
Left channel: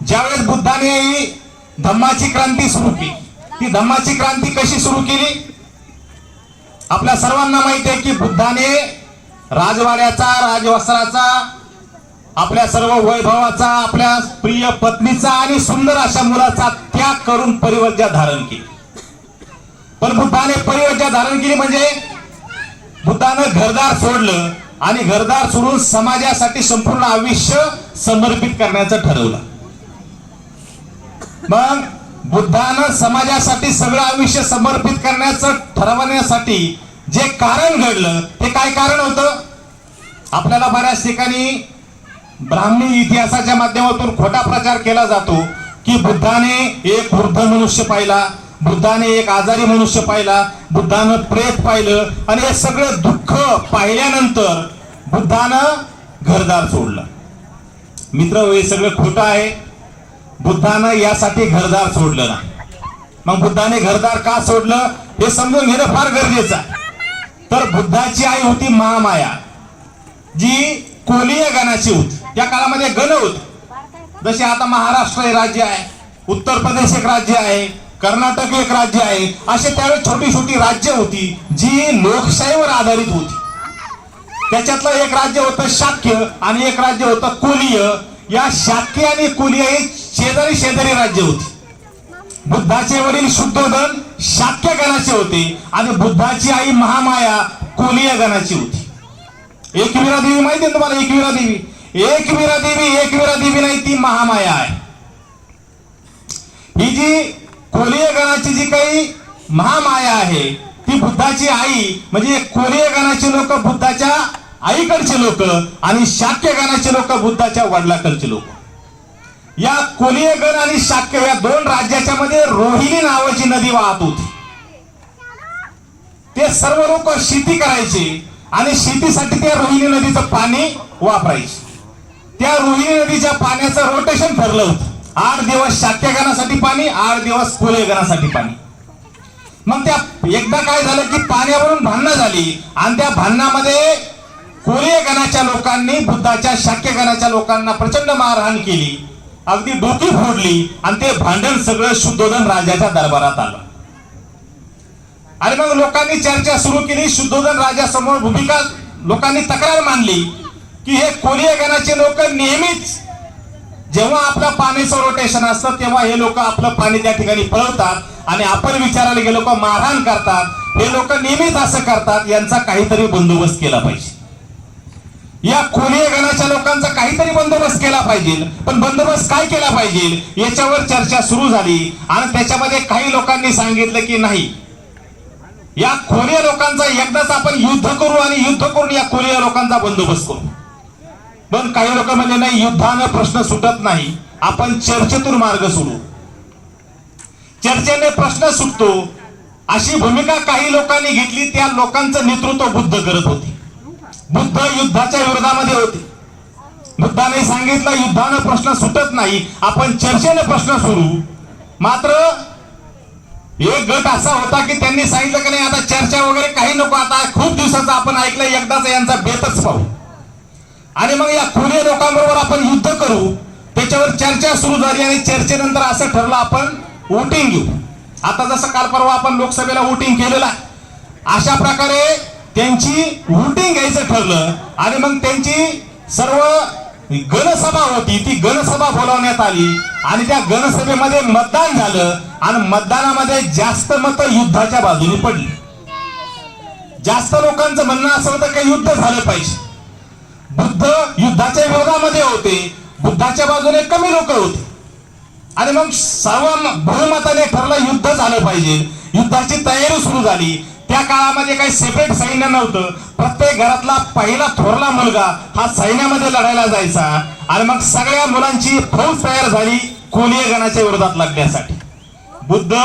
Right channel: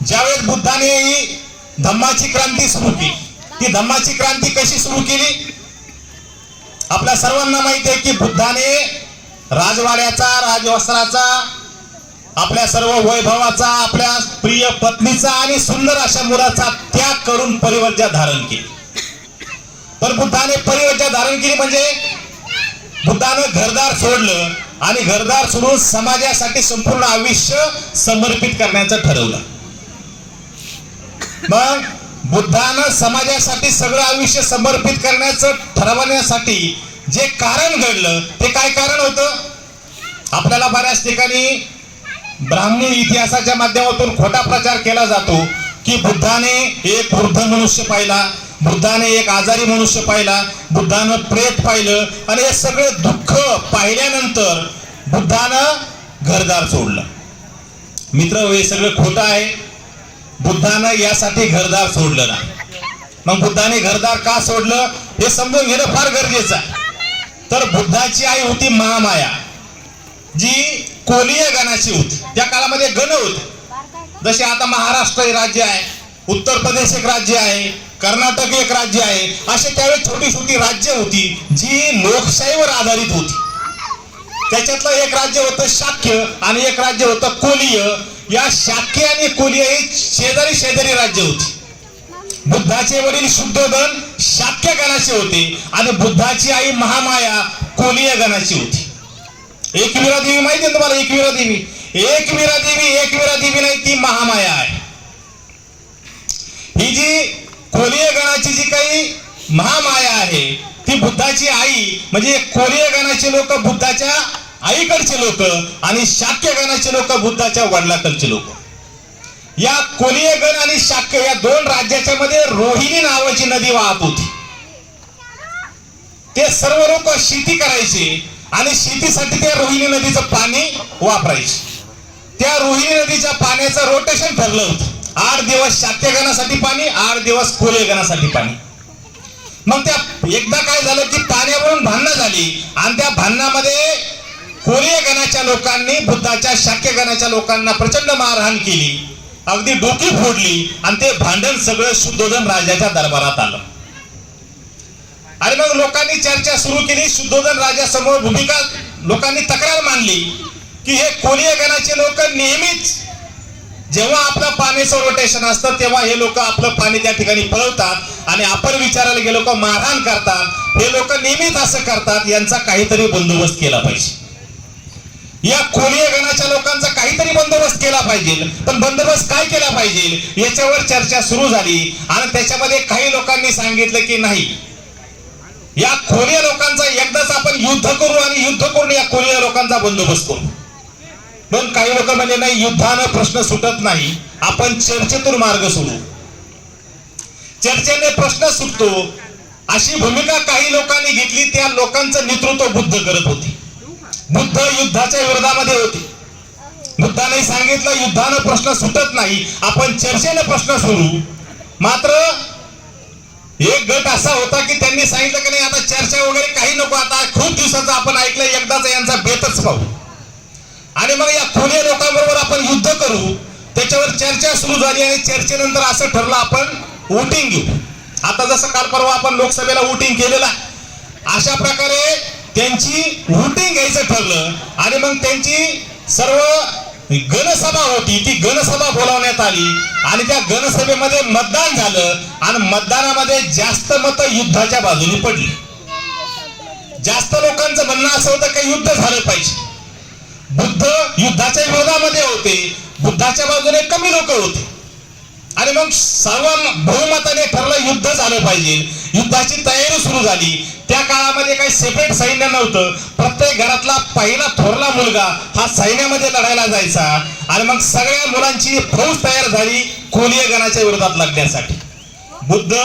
ज्यावेळेस बुद्धाने धम्माची क्रांती सुरू केली, ती धम्माची क्रांती कशी सुरू केली आपल्या सर्वांना माहिती आहे की बुद्धाने राजवाड्याचा, राजवस्त्राचा, आपल्या सर्व वैभवाचा, आपल्या प्रिय पत्नीचा आणि सुंदर अशा मुलाचा त्याग करून परिवर्जा धारण केली. पण बुद्धाने परिवर्जा धारण केली म्हणजे बुद्धानं घरदार सोडलं आणि घरदार सोडून समाजासाठी संपूर्ण आयुष्य समर्पित करण्याचं ठरवलं. मग बुद्धानं समाजासाठी सगळं आयुष्य समर्पित करण्याचं ठरवण्यासाठी जे कारण घडलं ते काय कारण होतं? आपल्याला बऱ्याच ठिकाणी ब्राह्मणी इतिहासाच्या माध्यमातून खोटा प्रचार केला जातो की बुद्धाने एक वृद्ध मनुष्य पाहिला, बुद्धाने एक आजारी मनुष्य पाहिला, बुद्धानं प्रेत पाहिलं आणि हे सगळं दुःख पाहिल्यानंतर बुद्धानं घरदार सोडलं. मित्र, हे सगळं खोटं आहे. बुद्धानं यासाठी घरदार सोडलं नाही. मग बुद्धाने घरदार का सोडलं हे समजून घेणं फार गरजेचं आहे. तर बुद्धाची आई होती महामाया, जी कोलीय गणाची होती. त्या काळामध्ये गण होते. जसे आता महाराष्ट्र हे राज्य आहे, उत्तर प्रदेश एक राज्य आहे, कर्नाटक एक राज्य आहे, असे त्यावेळेस छोटी छोटी राज्य होती जी लोकशाहीवर आधारित होती. त्याच्यातलं एक राज्य होतं शाक्य आणि एक राज्य होतं कोलीय. या शाक्य आणि कोलीय हे शेजारी शेजारी राज्य होती. बुद्धाचे वडील शुद्धोधन शाक्य गणाचे होते आणि बुद्धाची आई महामाया कोलीय गणाची होती. एकविरा देवी माहिती आहे तुम्हाला? एकविरा देवी नाही, ती महामाया आहे. ही जी कोलीय गणाची जी काही महामाया आहे ती बुद्धाची आई, म्हणजे कोलीय गणाचे लोक बुद्धाच्या आईकडचे लोक आणि शाक्य गणाचे लोक बुद्धाच्या वडिलाकडचे लोक. या कोलीय गण आणि शाक्य या 2 राज्याच्या मध्ये रोहिणी नावाची नदी वाहत होती. ते सर्व लोक शेती करायचे आणि शेतीसाठी त्या रोहिणी नदीचं पाणी वापरायचे. त्या रोहिणी नदीच्या पाण्याचं रोटेशन ठरलं होतं. 8 दिवस शाक्य गणासाठी पाणी, 8 दिवस कोलीय गणासाठी पाणी. मग त्या एकदा काय झालं की पाण्यावरून भांडणं झाली आणि त्या भांडणामध्ये कोलीय गणाच्या लोकांनी बुद्धाच्या शाक्य गणाच्या लोकांना प्रचंड मारहाण केली, अगदी डोकी फोडली आणि ते भांडण सगळं शुद्धोधन राजाच्या दरबारात आलं. आणि मग लोकांनी चर्चा सुरू केली. शुद्धोधन राजासमोर भूमिका लोकांनी तक्रार मांडली की हे कोलीय गणाचे लोक नेहमीच जेव्हा आपलं पाण्याचं रोटेशन असतं तेव्हा हे लोक आपलं पाणी त्या ठिकाणी पळवतात आणि आपण विचारायला गेलो का मारहाण करतात. हे लोक नेहमीच असं करतात, यांचा काहीतरी बंदोबस्त केला पाहिजे. या कोलीय गणाच्या लोकांचा काहीतरी बंदोबस्त केला पाहिजे. पण बंदोबस्त काय केला पाहिजे याच्यावर चर्चा सुरू झाली आणि त्याच्यामध्ये काही लोकांनी सांगितलं की नाही, या कोलीय लोकांचा एकदाच आपण युद्ध करू आणि युद्ध करून या कोलीय लोकांचा बंदोबस्त करू. पण काही लोक म्हणजे नाही, युद्धानं प्रश्न सुटत नाही, आपण चर्चेतून मार्ग सोडू, चर्चेने प्रश्न सुटतो, अशी भूमिका काही लोकांनी घेतली. त्या लोकांचं नेतृत्व बुद्ध करत होते. बुद्ध युद्धाच्या विरोधामध्ये होते. बुद्धाने सांगितलं युद्धानं प्रश्न सुटत नाही, आपण चर्चेने प्रश्न सोडू. मात्र एक गट असा होता की त्यांनी सांगितलं की नाही, आता चर्चा वगैरे काही नको, आता खूप दिवसाचं आपण ऐकलं, एकदाच यांचा बेतच पाहू आणि मग या कोलीय लोकांबरोबर आपण युद्ध करू. त्याच्यावर चर्चा सुरू झाली आणि चर्चेनंतर असं ठरलं आपण वोटिंग घेऊ. आता जसं काल परवा आपण लोकसभेला वोटिंग केलेलं आहे, अशा प्रकारे त्यांची वोटिंग घ्यायचं ठरलं आणि मग त्यांची सर्व गणसभा होती, ती गणसभा बोलावण्यात आली आणि त्या गणसभेमध्ये मतदान झालं आणि मतदानामध्ये जास्त मतं युद्धाच्या बाजूने पडली. जास्त लोकांचं म्हणणं असं होतं की युद्ध झाले पाहिजे. बुद्ध युद्धाच्या विरोधामध्ये होते बुद्धाच्या बाजूने कमी लोक होते आणि मग सर्व बहुमताने ठरलं युद्ध झालं पाहिजे. युद्धाची तयारी सुरू झाली. त्या काळामध्ये काही सेपरेट सैन्य नव्हतं. प्रत्येक घरातला पहिला थोरला मुलगा हा सैन्यामध्ये लढायला जायचा आणि मग सगळ्या मुलांची फौज तयार झाली कोलीय गणाच्या विरोधात लढण्यासाठी. बुद्ध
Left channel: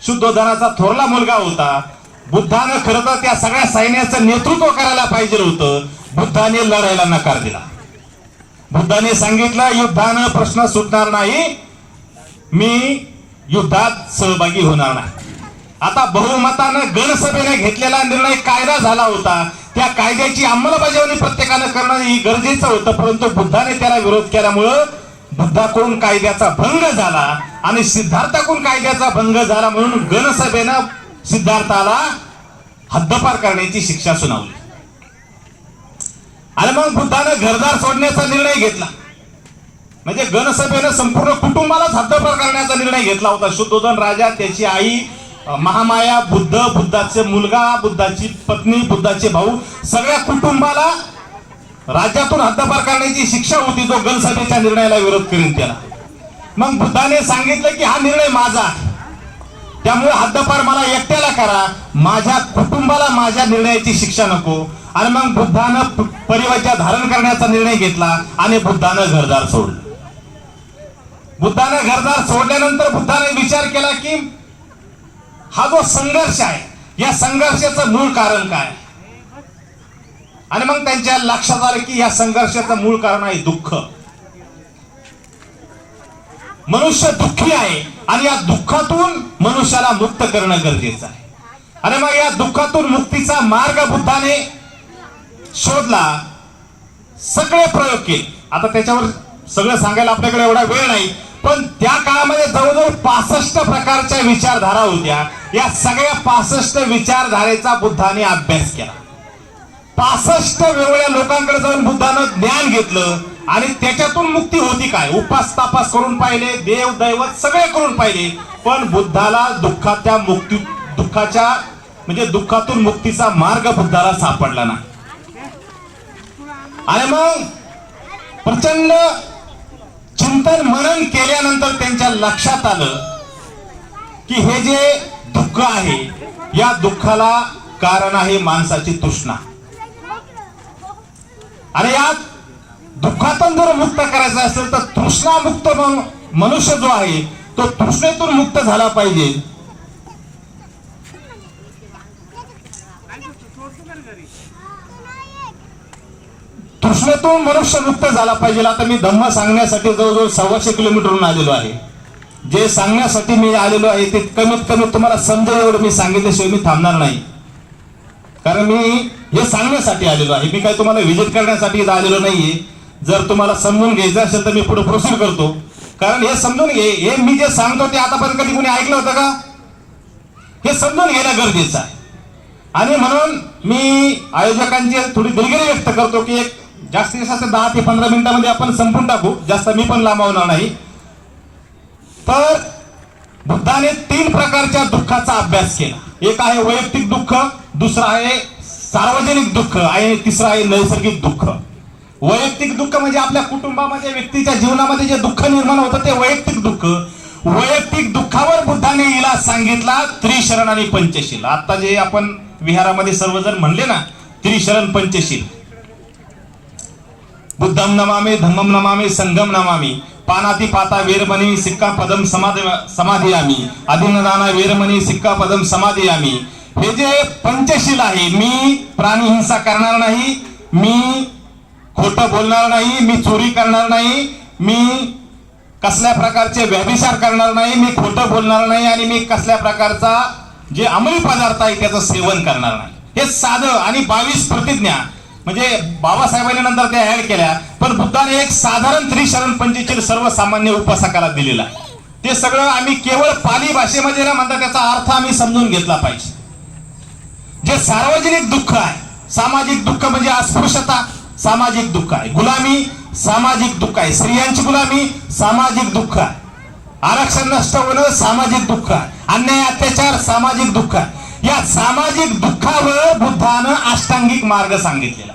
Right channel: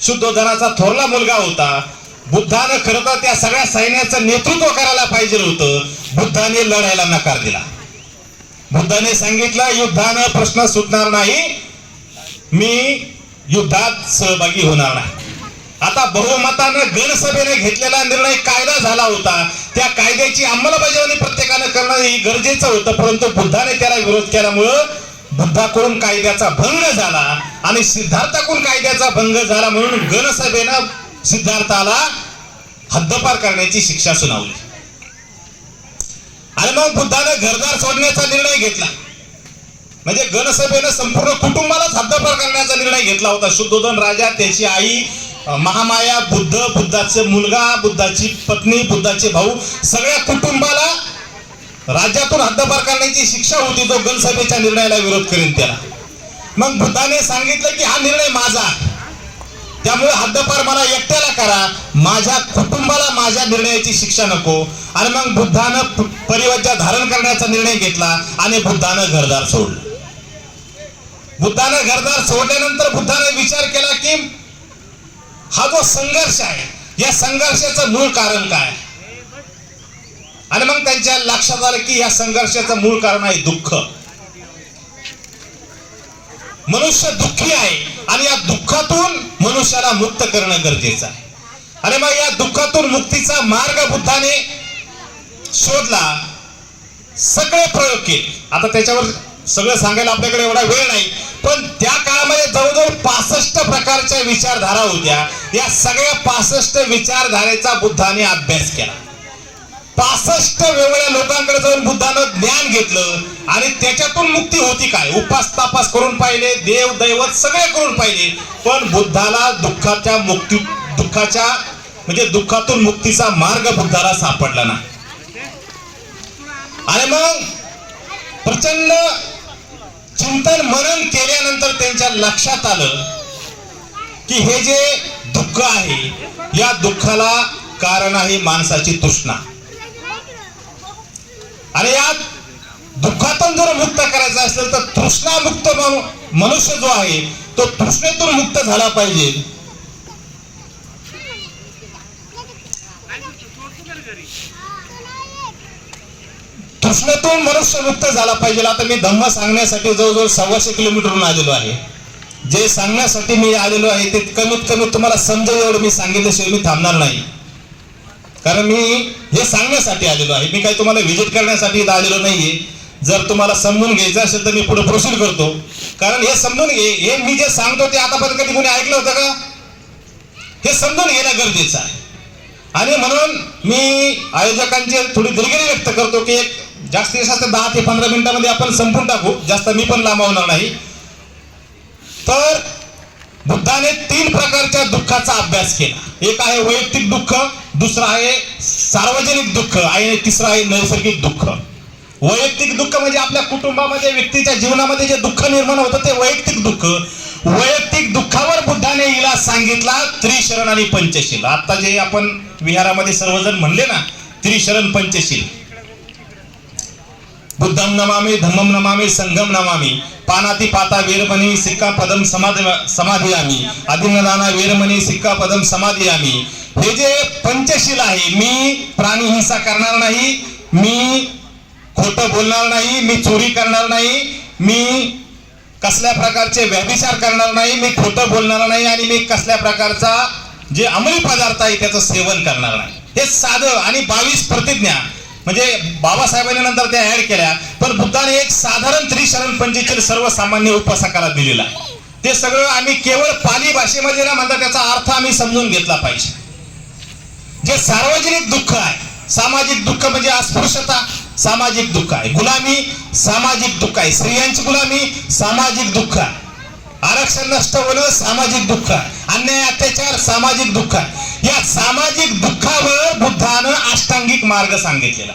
शुद्धोधनाचा थोरला मुलगा होता. बुद्धानं खरं तर त्या सगळ्या सैन्याचं नेतृत्व करायला पाहिजे होतं. बुद्धाने लढायला नकार दिला. बुद्धाने सांगितलं युद्धानं प्रश्न सुटणार नाही, मी युद्धात सहभागी होणार नाही. आता बहुमतानं गणसभेने घेतलेला निर्णय कायदा झाला होता. त्या कायद्याची अंमलबजावणी प्रत्येकानं करणं ही गरजेचं होतं. परंतु बुद्धाने त्याला विरोध केल्यामुळं बुद्धाकडून कायद्याचा भंग झाला आणि सिद्धार्थाकडून कायद्याचा भंग झाला म्हणून गणसभेनं सिद्धार्थाला हद्दपार करण्याची शिक्षा सुनावली. आणि मग बुद्धानं घरदार सोडण्याचा निर्णय घेतला. म्हणजे गणसभेनं संपूर्ण कुटुंबालाच हद्दपार करण्याचा निर्णय घेतला होता. शुद्धोधन राजा, त्याची आई महामाया, बुद्ध, बुद्धाचे मुलगा, बुद्धाची पत्नी, बुद्धाचे भाऊ, सगळ्या कुटुंबाला राज्यातून हद्दपार करण्याची शिक्षा होती. जो गणसभेच्या निर्णयाला विरोध करेल त्याला. मग बुद्धाने सांगितलं की हा निर्णय माझा आहे, त्यामुळे हद्दपार मला एकट्याला करा, माझ्या कुटुंबाला माझ्या निर्णयाची शिक्षा नको. आणि मग बुद्धानं परिवज्या धारण करण्याचा निर्णय घेतला आणि बुद्धानं घरदार सोडलं. बुद्धानं घरदार सोडल्यानंतर बुद्धाने विचार केला की हा जो संघर्ष आहे, या संघर्षाचं मूळ कारण काय. आणि मग त्यांच्या लक्षात आलं की या संघर्षाचं मूळ कारण आहे दुःख. मनुष्य दुःखी आहे आणि या दुःखातून मनुष्याला मुक्त करणं गरजेचं आहे. आणि मग या दुःखातून मुक्तीचा मार्ग बुद्धाने शोधला. सगळे प्रयोग केले. आता त्याच्यावर सगळं सांगायला आपल्याकडे एवढा वेळ नाही, पण त्या काळामध्ये जवळजवळ 65 प्रकारच्या विचारधारा होत्या. या सगळ्या 65 विचारधारेचा बुद्धाने अभ्यास केला. 65 वेगवेगळ्या लोकांकडे जाऊन बुद्धानं ज्ञान घेतलं आणि त्याच्यातून मुक्ती होती काय. उपास तापास करून पाहिले, देव दैवत सगळे करून पाहिले, पण बुद्धाला दुःखाच्या म्हणजे दुःखातून मुक्तीचा मार्ग बुद्धाला सापडला नाही. आणि मग प्रचंड चिंतन मनन केल्यानंतर त्यांच्या लक्षात आलं की हे जे दुःख आहे, या दुःखाला कारण आहे माणसाची तृष्णा. आणि या दुःखातून जर मुक्त करायचं असेल तर तृष्णामुक्त मनुष्य जो आहे तो तृष्णेतून मुक्त झाला पाहिजे. तृष्णेतून मनुष्य मुक्त झाला पाहिजे. आता मी धम्म सांगण्यासाठी जवळजवळ 125 किलोमीटरहून आलेलो आहे. जे सांगण्यासाठी मी आलेलो आहे ते कमीत कमी तुम्हाला समजेल एवढं मी सांगितल्याशिवाय मी थांबणार नाही. कारण मी हे सांगण्यासाठी आलेलो आहे, मी काही तुम्हाला व्हिजिट करण्यासाठी इथं आलेलो नाहीये. जर तुम्हाला समजून घ्यायचं असेल तर मी पुढे प्रोसीड करतो. कारण हे समजून घे, हे मी जे सांगतो ते आतापर्यंत कधी कोणी ऐकलं होतं का? हे समजून घेणं गरजेचं आहे. आणि म्हणून मी आयोजकांची थोडी दिलगिरी व्यक्त करतो की एक जास्तीत जास्त 10 ते 15 मिनिटांमध्ये आपण संपून टाकू, जास्त मी पण लांबवणार नाही. तर बुद्धाने 3 प्रकारच्या दुःखाचा अभ्यास केला. एक आहे वैयक्तिक दुःख, दुसरा आहे सार्वजनिक दुःख आणि तिसरा आहे नैसर्गिक दुःख. वैयक्तिक दुःख म्हणजे आपल्या कुटुंबामध्ये, व्यक्तीच्या जीवनामध्ये जे दुःख निर्माण होतं ते वैयक्तिक दुःख. वैयक्तिक दुःखावर बुद्धाने इलाज सांगितला त्रिशरण आणि पंचशील. आता जे आपण विहारामध्ये सर्वजण म्हणले ना त्रिशरण पंचशील, बुद्धम नमामि, धम्मम नमामि, संघम नमामि, पानाती पाता वेरमणी सिक्का पदम समाधियामी, अभिनदाना वेरमणी सिक्का पदम समाधियामी. हे जे पंचशील आहे, मी प्राणी हिंसा करणार नाही, मी खोटं बोलणार नाही, मी चोरी करणार नाही, मी कसल्या प्रकारचे व्यभिचार करणार नाही, मी खोटं बोलणार नाही आणि मी कसल्या प्रकारचा जे अंमली पदार्थ आहे त्याचं सेवन करणार नाही. हे साधं आणि 22 प्रतिज्ञा म्हणजे बाबासाहेबांनी नंतर त्या ऍड केल्या, पण बुद्धाने एक साधारण त्रिशरण पंचशील सर्वसामान्य उपासकाला दिलेला. ते सगळं आम्ही केवळ पाली भाषेमध्ये न म्हणता त्याचा अर्थ आम्ही समजून घेतला पाहिजे. जे सार्वजनिक दुःख आहे, सामाजिक दुःख म्हणजे अस्पृश्यता सामाजिक दुःख आहे, गुलामी सामाजिक दुःख आहे, स्त्रियांची गुलामी सामाजिक दुःख आहे, आरक्षण नष्ट होणं सामाजिक दुःख आहे, अन्याय अत्याचार सामाजिक दुःख आहे. या सामाजिक दुःखावर बुद्धानं अष्टांगिक मार्ग सांगितलेला.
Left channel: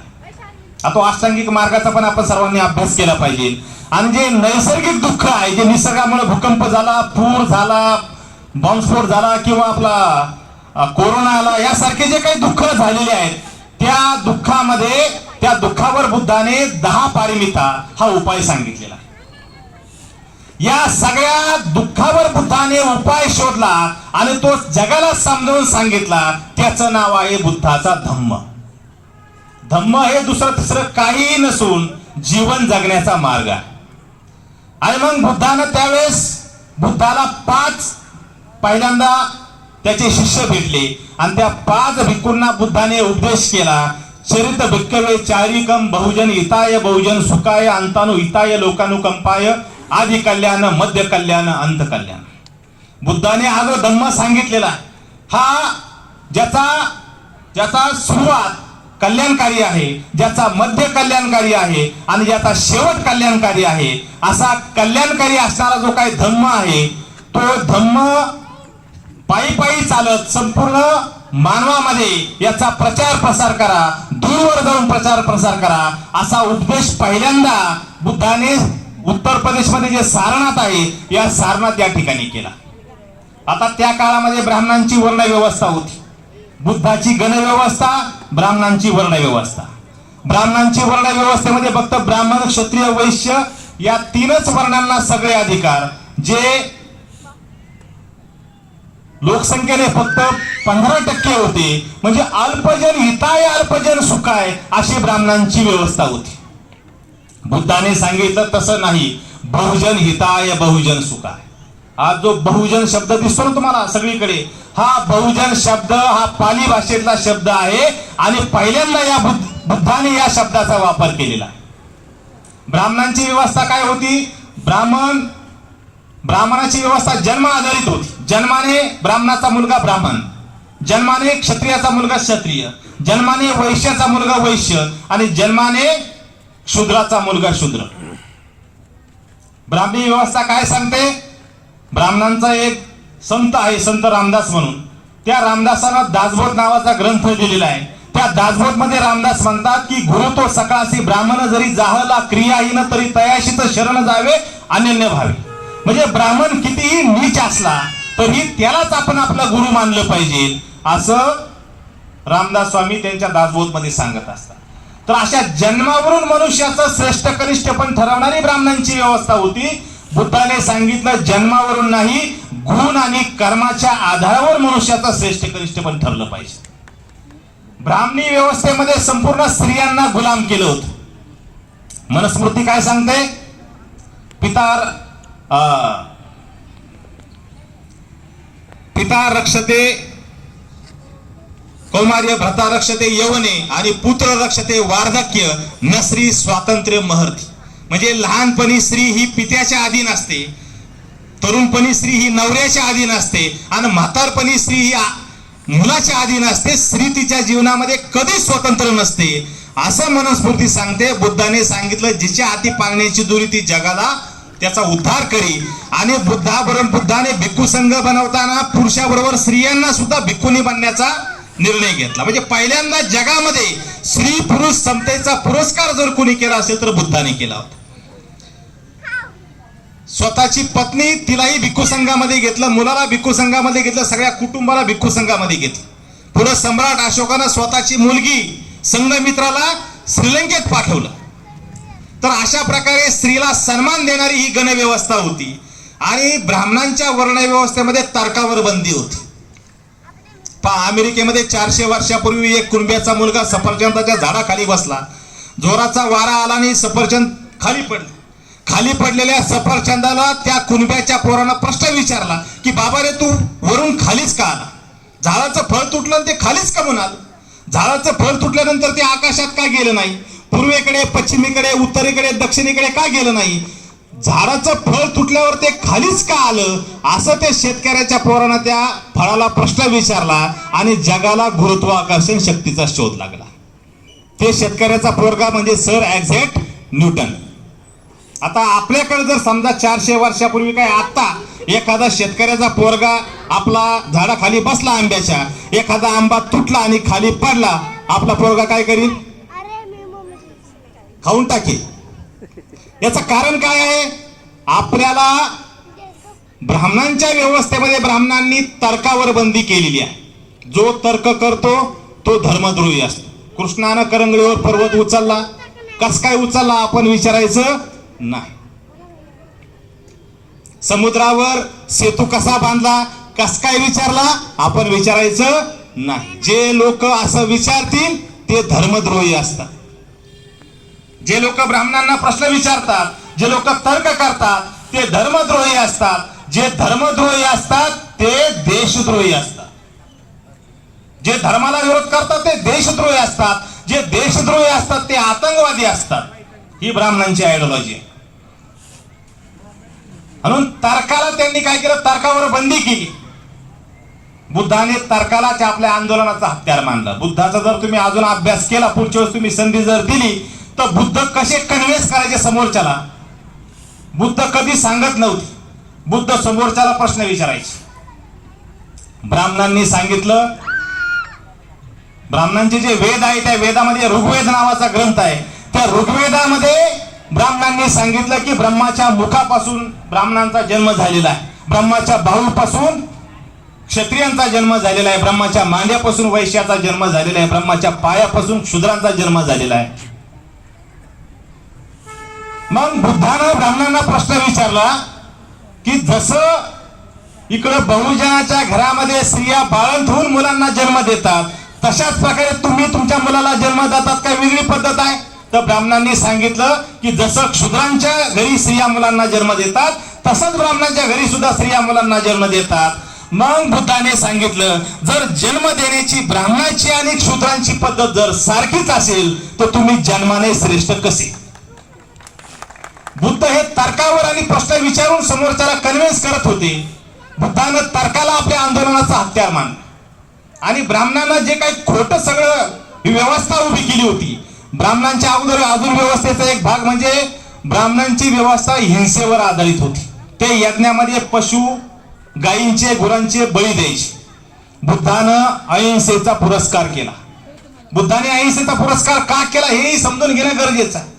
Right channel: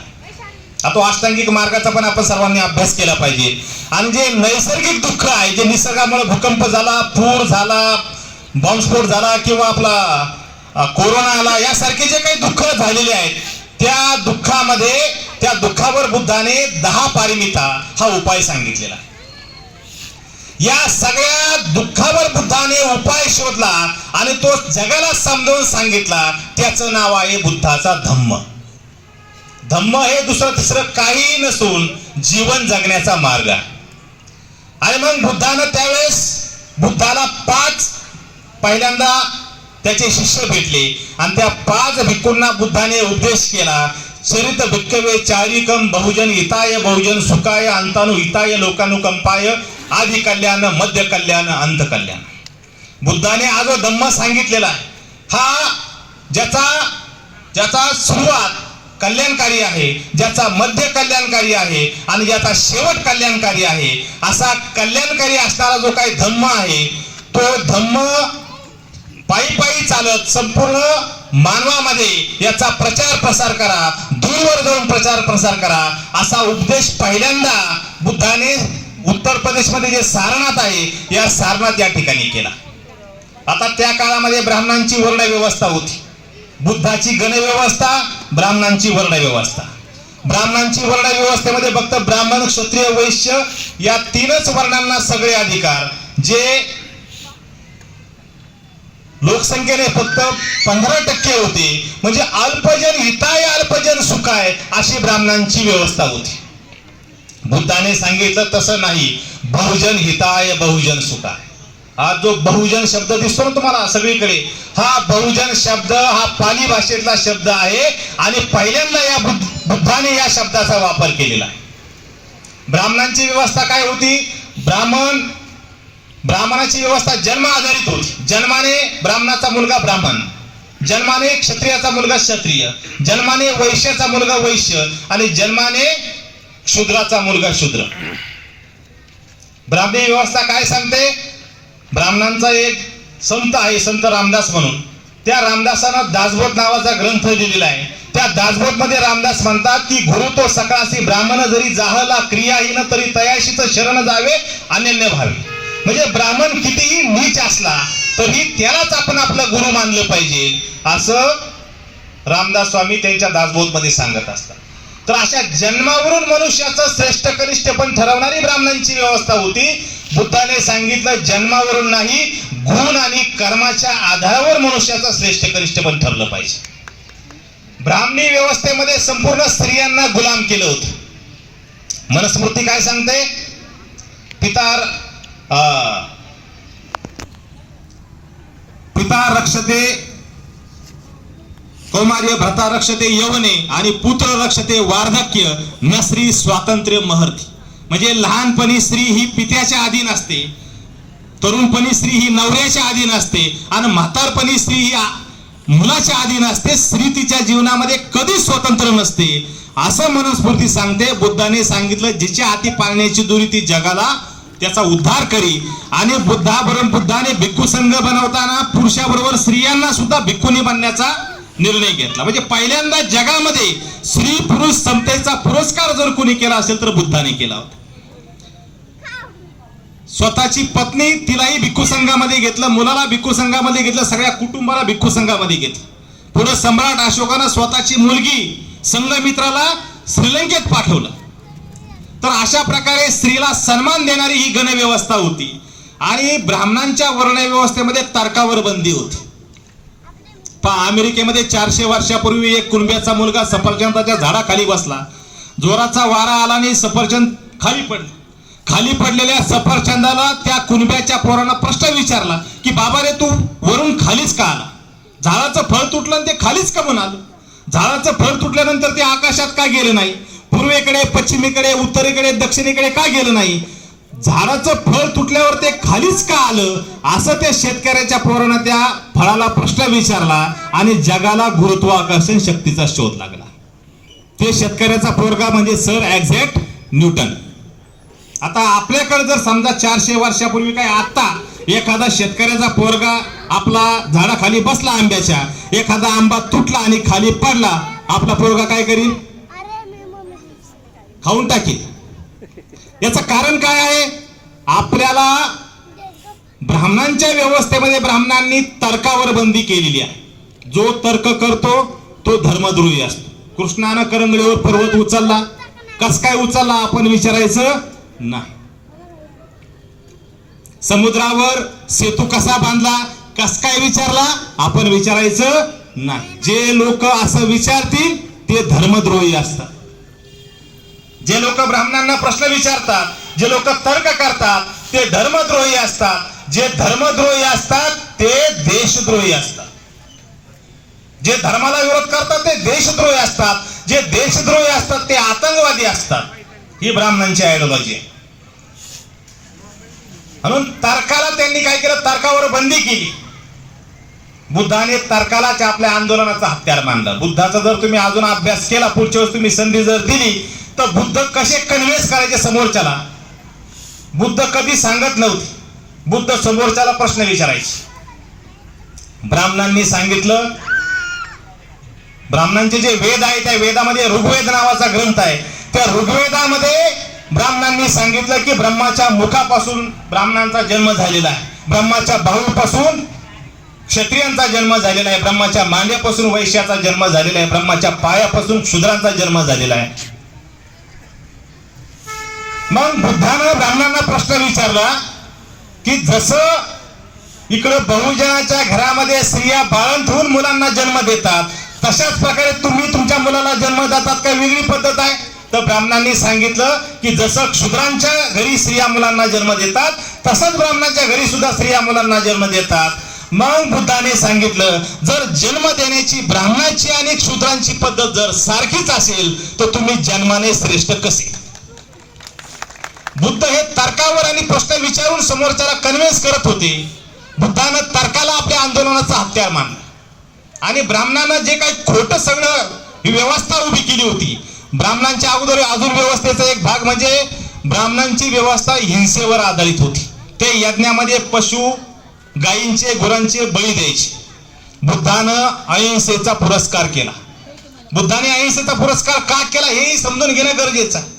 तो अष्टांगिक मार्गाचा पण आपण सर्वांनी अभ्यास केला पाहिजे. आणि जे नैसर्गिक दुःख आहे, जे निसर्गामुळे भूकंप झाला, पूर झाला, बॉम्बस्फोट झाला किंवा आपला कोरोना आला, यासारखे जे काही दुःख झालेले आहेत, त्या दुःखावर बुद्धाने 10 पारमिता हा उपाय सांगितलेला आहे. या सगळ्या दुःखावर बुद्धाने उपाय शोधला आणि तो जगाला समजावून सांगितला. त्याचं नाव आहे बुद्धाचा धम्म. धम्म हे दुसरं तिसरं काही नसून जीवन जगण्याचा मार्ग आहे. आणि मग बुद्धानं त्यावेळेस बुद्धाला 5 पहिल्यांदा त्याचे शिष्य भेटले आणि त्या 5 भिक्खूंना बुद्धाने उपदेश केला. चरित भिक्खवे चारिकम बहुजन हिताय बहुजन सुखाय अंतानु हिताय लोकानुकंपाय आदि कल्याण मध्य कल्याण अंत कल्याण. बुद्धाने हा जो धम्म सांगितलेला आहे, हा ज्याचा सुरुवात कल्याणकारी आहे, ज्याचा मध्य कल्याणकारी आहे आणि ज्याचा शेवट कल्याणकारी आहे, असा कल्याणकारी असणारा जो काही धम्म आहे, तो धम्म पायी पायी चालत संपूर्ण मानवामध्ये याचा प्रचार प्रसार करा, दूरवर जाऊन प्रचार प्रसार करा, असा उपदेश पहिल्यांदा बुद्धाने उत्तर प्रदेशमध्ये जे सारनाथ आहे, या सारनाथ या ठिकाणी केला. आता त्या काळामध्ये ब्राह्मणांची वर्ण व्यवस्था होती. बुद्धाची गण व्यवस्था, ब्राह्मणांची वर्ण व्यवस्था. ब्राह्मणांची वर्ण व्यवस्थेमध्ये फक्त ब्राह्मण, क्षत्रिय, वैश्य या 3च वर्णांना सगळे अधिकार, जे लोकसंख्येने फक्त 15% होते. म्हणजे अल्पजन हिताय अल्पजन सुखाय अशी ब्राह्मणांची व्यवस्था होती. बुद्धाने सांगितलं तसं नाही, बहुजन हिताय बहुजन सुखाय. हा जो बहुजन शब्द दिसतो ना तुम्हाला सगळीकडे, हा बहुजन शब्द हा पाली भाषेतला शब्द आहे आणि पहिल्यांदा या बुद्धाने या शब्दाचा वापर केलेला. ब्राह्मणांची व्यवस्था काय होती? ब्राह्मणाची व्यवस्था जन्म आधारित होती. जन्माने ब्राह्मणाचा मुलगा ब्राह्मण, जन्माने क्षत्रियाचा मुलगा क्षत्रिय, जन्माने वैश्याचा मुलगा वैश्य आणि जन्माने शूद्राचा मुलगा शूद्र. ब्राह्मणी व्यवस्था काय सांगते? ब्राह्मणांचा एक संत आहे, संत रामदास म्हणून. त्या रामदासानं दासबोध नावाचा ग्रंथ दिलेला आहे. त्या दासबोध मध्ये रामदास म्हणतात की गुरु तो सकाळसी ब्राह्मण जरी जाहला क्रियाहीन तरी तयाशीच शरण जावे अनन्य भावे. म्हणजे ब्राह्मण कितीही नीच असला तरी त्यालाच आपण आपला गुरु मानलं पाहिजे, असं रामदास स्वामी त्यांच्या दासबोध मध्ये सांगत असतात. तर अशा जन्मावरून मनुष्याचं श्रेष्ठ कनिष्ठ पण ठरवणारी ब्राह्मणांची व्यवस्था होती. बुद्धाने सांगितलं जन्मावरून नाही, गुण आणि कर्माच्या आधारावर मनुष्याचं श्रेष्ठ कनिष्ठ पण ठरलं पाहिजे. ब्राह्मणी व्यवस्थेमध्ये संपूर्ण स्त्रियांना गुलाम केलं होतं. मनुस्मृती काय सांगते? पिता रक्षते कौमार्य, भ्राता रक्षते यवने आणि पुत्र रक्षते वार्धक्य, न स्त्री स्वातंत्र्य महर्ती. म्हणजे लहानपणी स्त्री ही पित्याच्या अधीन असते, तरुणपणी स्त्री ही नवऱ्याच्या अधीन असते आणि म्हातारपणी स्त्री ही मुलाच्या अधीन असते. स्त्री तिच्या जीवनामध्ये कधीच स्वतंत्र नसते, असं मनुस्मृती सांगते. बुद्धाने सांगितलं जिच्या हाती पाळण्याची दोरी ती जगाला त्याचा उद्धार करी. आणि बुद्धाने भिक्खू संघ बनवताना पुरुषाबरोबर स्त्रियांना सुद्धा भिक्खुनी बनण्याचा निर्णय घेतला. म्हणजे पहिल्यांदा जगामध्ये स्त्री पुरुष समतेचा पुरस्कार जर कोणी केला असेल तर बुद्धाने केला होता. स्वतःची पत्नी तिलाही भिक्खू संघामध्ये घेतलं, मुलाला भिक्खू संघामध्ये घेतलं, सगळ्या कुटुंबाला भिक्खू संघामध्ये घेतलं. पुढे सम्राट अशोकानं स्वतःची मुलगी संघमित्राला श्रीलंकेत पाठवलं. तर अशा प्रकारे स्त्रीला सन्मान देणारी ही गणव्यवस्था होती. आणि ब्राह्मणांच्या वर्ण व्यवस्थेमध्ये तर्कावर बंदी होती. अमेरिकेमध्ये 400 वर्षापूर्वी एक कुणब्याचा मुलगा सफरचंदाच्या झाडाखाली बसला. जोराचा वारा आला आणि सफरचंद खाली पडले. खाली पडलेल्या सफरचंदाला त्या कुणब्याच्या पोरानं प्रश्न विचारला की बाबा रे, तू वरून खालीच का आला? झाडाचं फळ तुटलं आणि ते खालीच का म्हणून आलं? झाडाचं फळ तुटल्यानंतर ते आकाशात का गेलं नाही? पूर्वेकडे, पश्चिमेकडे, उत्तरेकडे, दक्षिणेकडे का गेलं नाही? झाडाचं फळ तुटल्यावर ते खालीच का आलं? असं त्या शेतकऱ्याच्या पोरानं त्या फळाला प्रश्न विचारला आणि जगाला गुरुत्वाकर्षण शक्तीचा शोध लागला. ते शेतकऱ्याचा पोरगा म्हणजे सर ॲझॅक न्यूटन. आता आपल्याकडे जर समजा 400 वर्षापूर्वी काय आता एखादा शेतकऱ्याचा पोरगा आपला झाडाखाली बसला आंब्याच्या, एखादा आंबा तुटला आणि खाली पडला, आपला पोरगा काय करील? खाऊन टाकेल. याचं कारण काय आहे? आपल्याला ब्राह्मणांच्या व्यवस्थेमध्ये ब्राह्मणांनी तर्कावर बंदी केलेली आहे. जो तर्क करतो तो धर्मद्रोही असतो. कृष्णानं करंगळीवर पर्वत उचलला, कस काय उचलला आपण विचारायचं नाही. समुद्रावर सेतू कसा बांधला, कस काय विचारला आपण विचारायचं नाही. जे लोक असं विचारतील ते धर्मद्रोही असतात. जे लोक ब्राह्मणांना प्रश्न विचारतात, जे लोक तर्क करतात ते धर्मद्रोही असतात. जे धर्मद्रोही असतात ते देशद्रोही असतात. जे धर्माला विरोध करतात ते देशद्रोही असतात. जे देशद्रोही असतात ते आतंकवादी असतात. ही ब्राह्मणांची आयडिओलॉजी आहे. म्हणून तर्काला त्यांनी काय केलं? तर्कावर बंदी केली. बुद्धाने तर्कालाच आपल्या आंदोलनाचा हत्यार मानलं. बुद्धाचा जर तुम्ही अजून अभ्यास केला, पुढच्या वेळेस तुम्ही संधी जर दिली तर बुद्ध कसे कन्व्हिन्स करायचे समोरच्याला, बुद्ध कधी सांगत नव्हते. बुद्ध समोरच्याला प्रश्न विचारायचे. ब्राह्मणांनी सांगितलं, ब्राह्मणांचे जे वेद आहे त्या वेदामध्ये ऋग्वेद नावाचा ग्रंथ आहे. त्या ऋग्वेदामध्ये ब्राह्मणांनी सांगितलं की ब्रह्माच्या मुखापासून ब्राह्मणांचा जन्म झालेला आहे. ब्रह्माच्या बाहूपासून क्षत्रियांचा जन्म झालेला आहे. ब्रह्माच्या मांड्यापासून वैश्याचा जन्म झालेला आहे. ब्रह्माच्या पायापासून शूद्रांचा जन्म झालेला आहे. मग बुद्धानं ब्राह्मणांना प्रश्न विचारला की जसं इकडं बहुजनाच्या घरामध्ये स्त्रिया बाळंत होऊन मुलांना जन्म देतात, तशाच प्रकारे तुम्ही तुमच्या मुलाला जन्म देतात का वेगळी पद्धत आहे? तर ब्राह्मणांनी सांगितलं की जसं क्षुद्रांच्या घरी स्त्रिया मुलांना जन्म देतात तसंच ब्राह्मणांच्या घरी सुद्धा स्त्रिया मुलांना जन्म देतात. मग बुद्धाने सांगितलं, जर जन्म देण्याची ब्राह्मणाची आणि क्षुद्रांची पद्धत जर सारखीच असेल तर तुम्ही जन्माने श्रेष्ठ कसे? बुद्ध हे तर्कावर आणि प्रश्न विचारून समोरच्याला कन्व्हिन्स करत होते. बुद्धानं तर्काला आपल्या आंदोलनाचा हत्यार मानलं. आणि ब्राह्मणांना जे काही खोटं सगळं ही व्यवस्था उभी केली होती, ब्राह्मणांच्या अगोदर अजून व्यवस्थेचा एक भाग म्हणजे ब्राह्मणांची व्यवस्था हिंसेवर आधारित होती. ते यज्ञामध्ये पशु गायींचे गुरांचे बळी द्यायचे. बुद्धानं अहिंसेचा पुरस्कार केला. बुद्धाने अहिंसेचा पुरस्कार का केला हेही समजून घेणं गरजेचं आहे.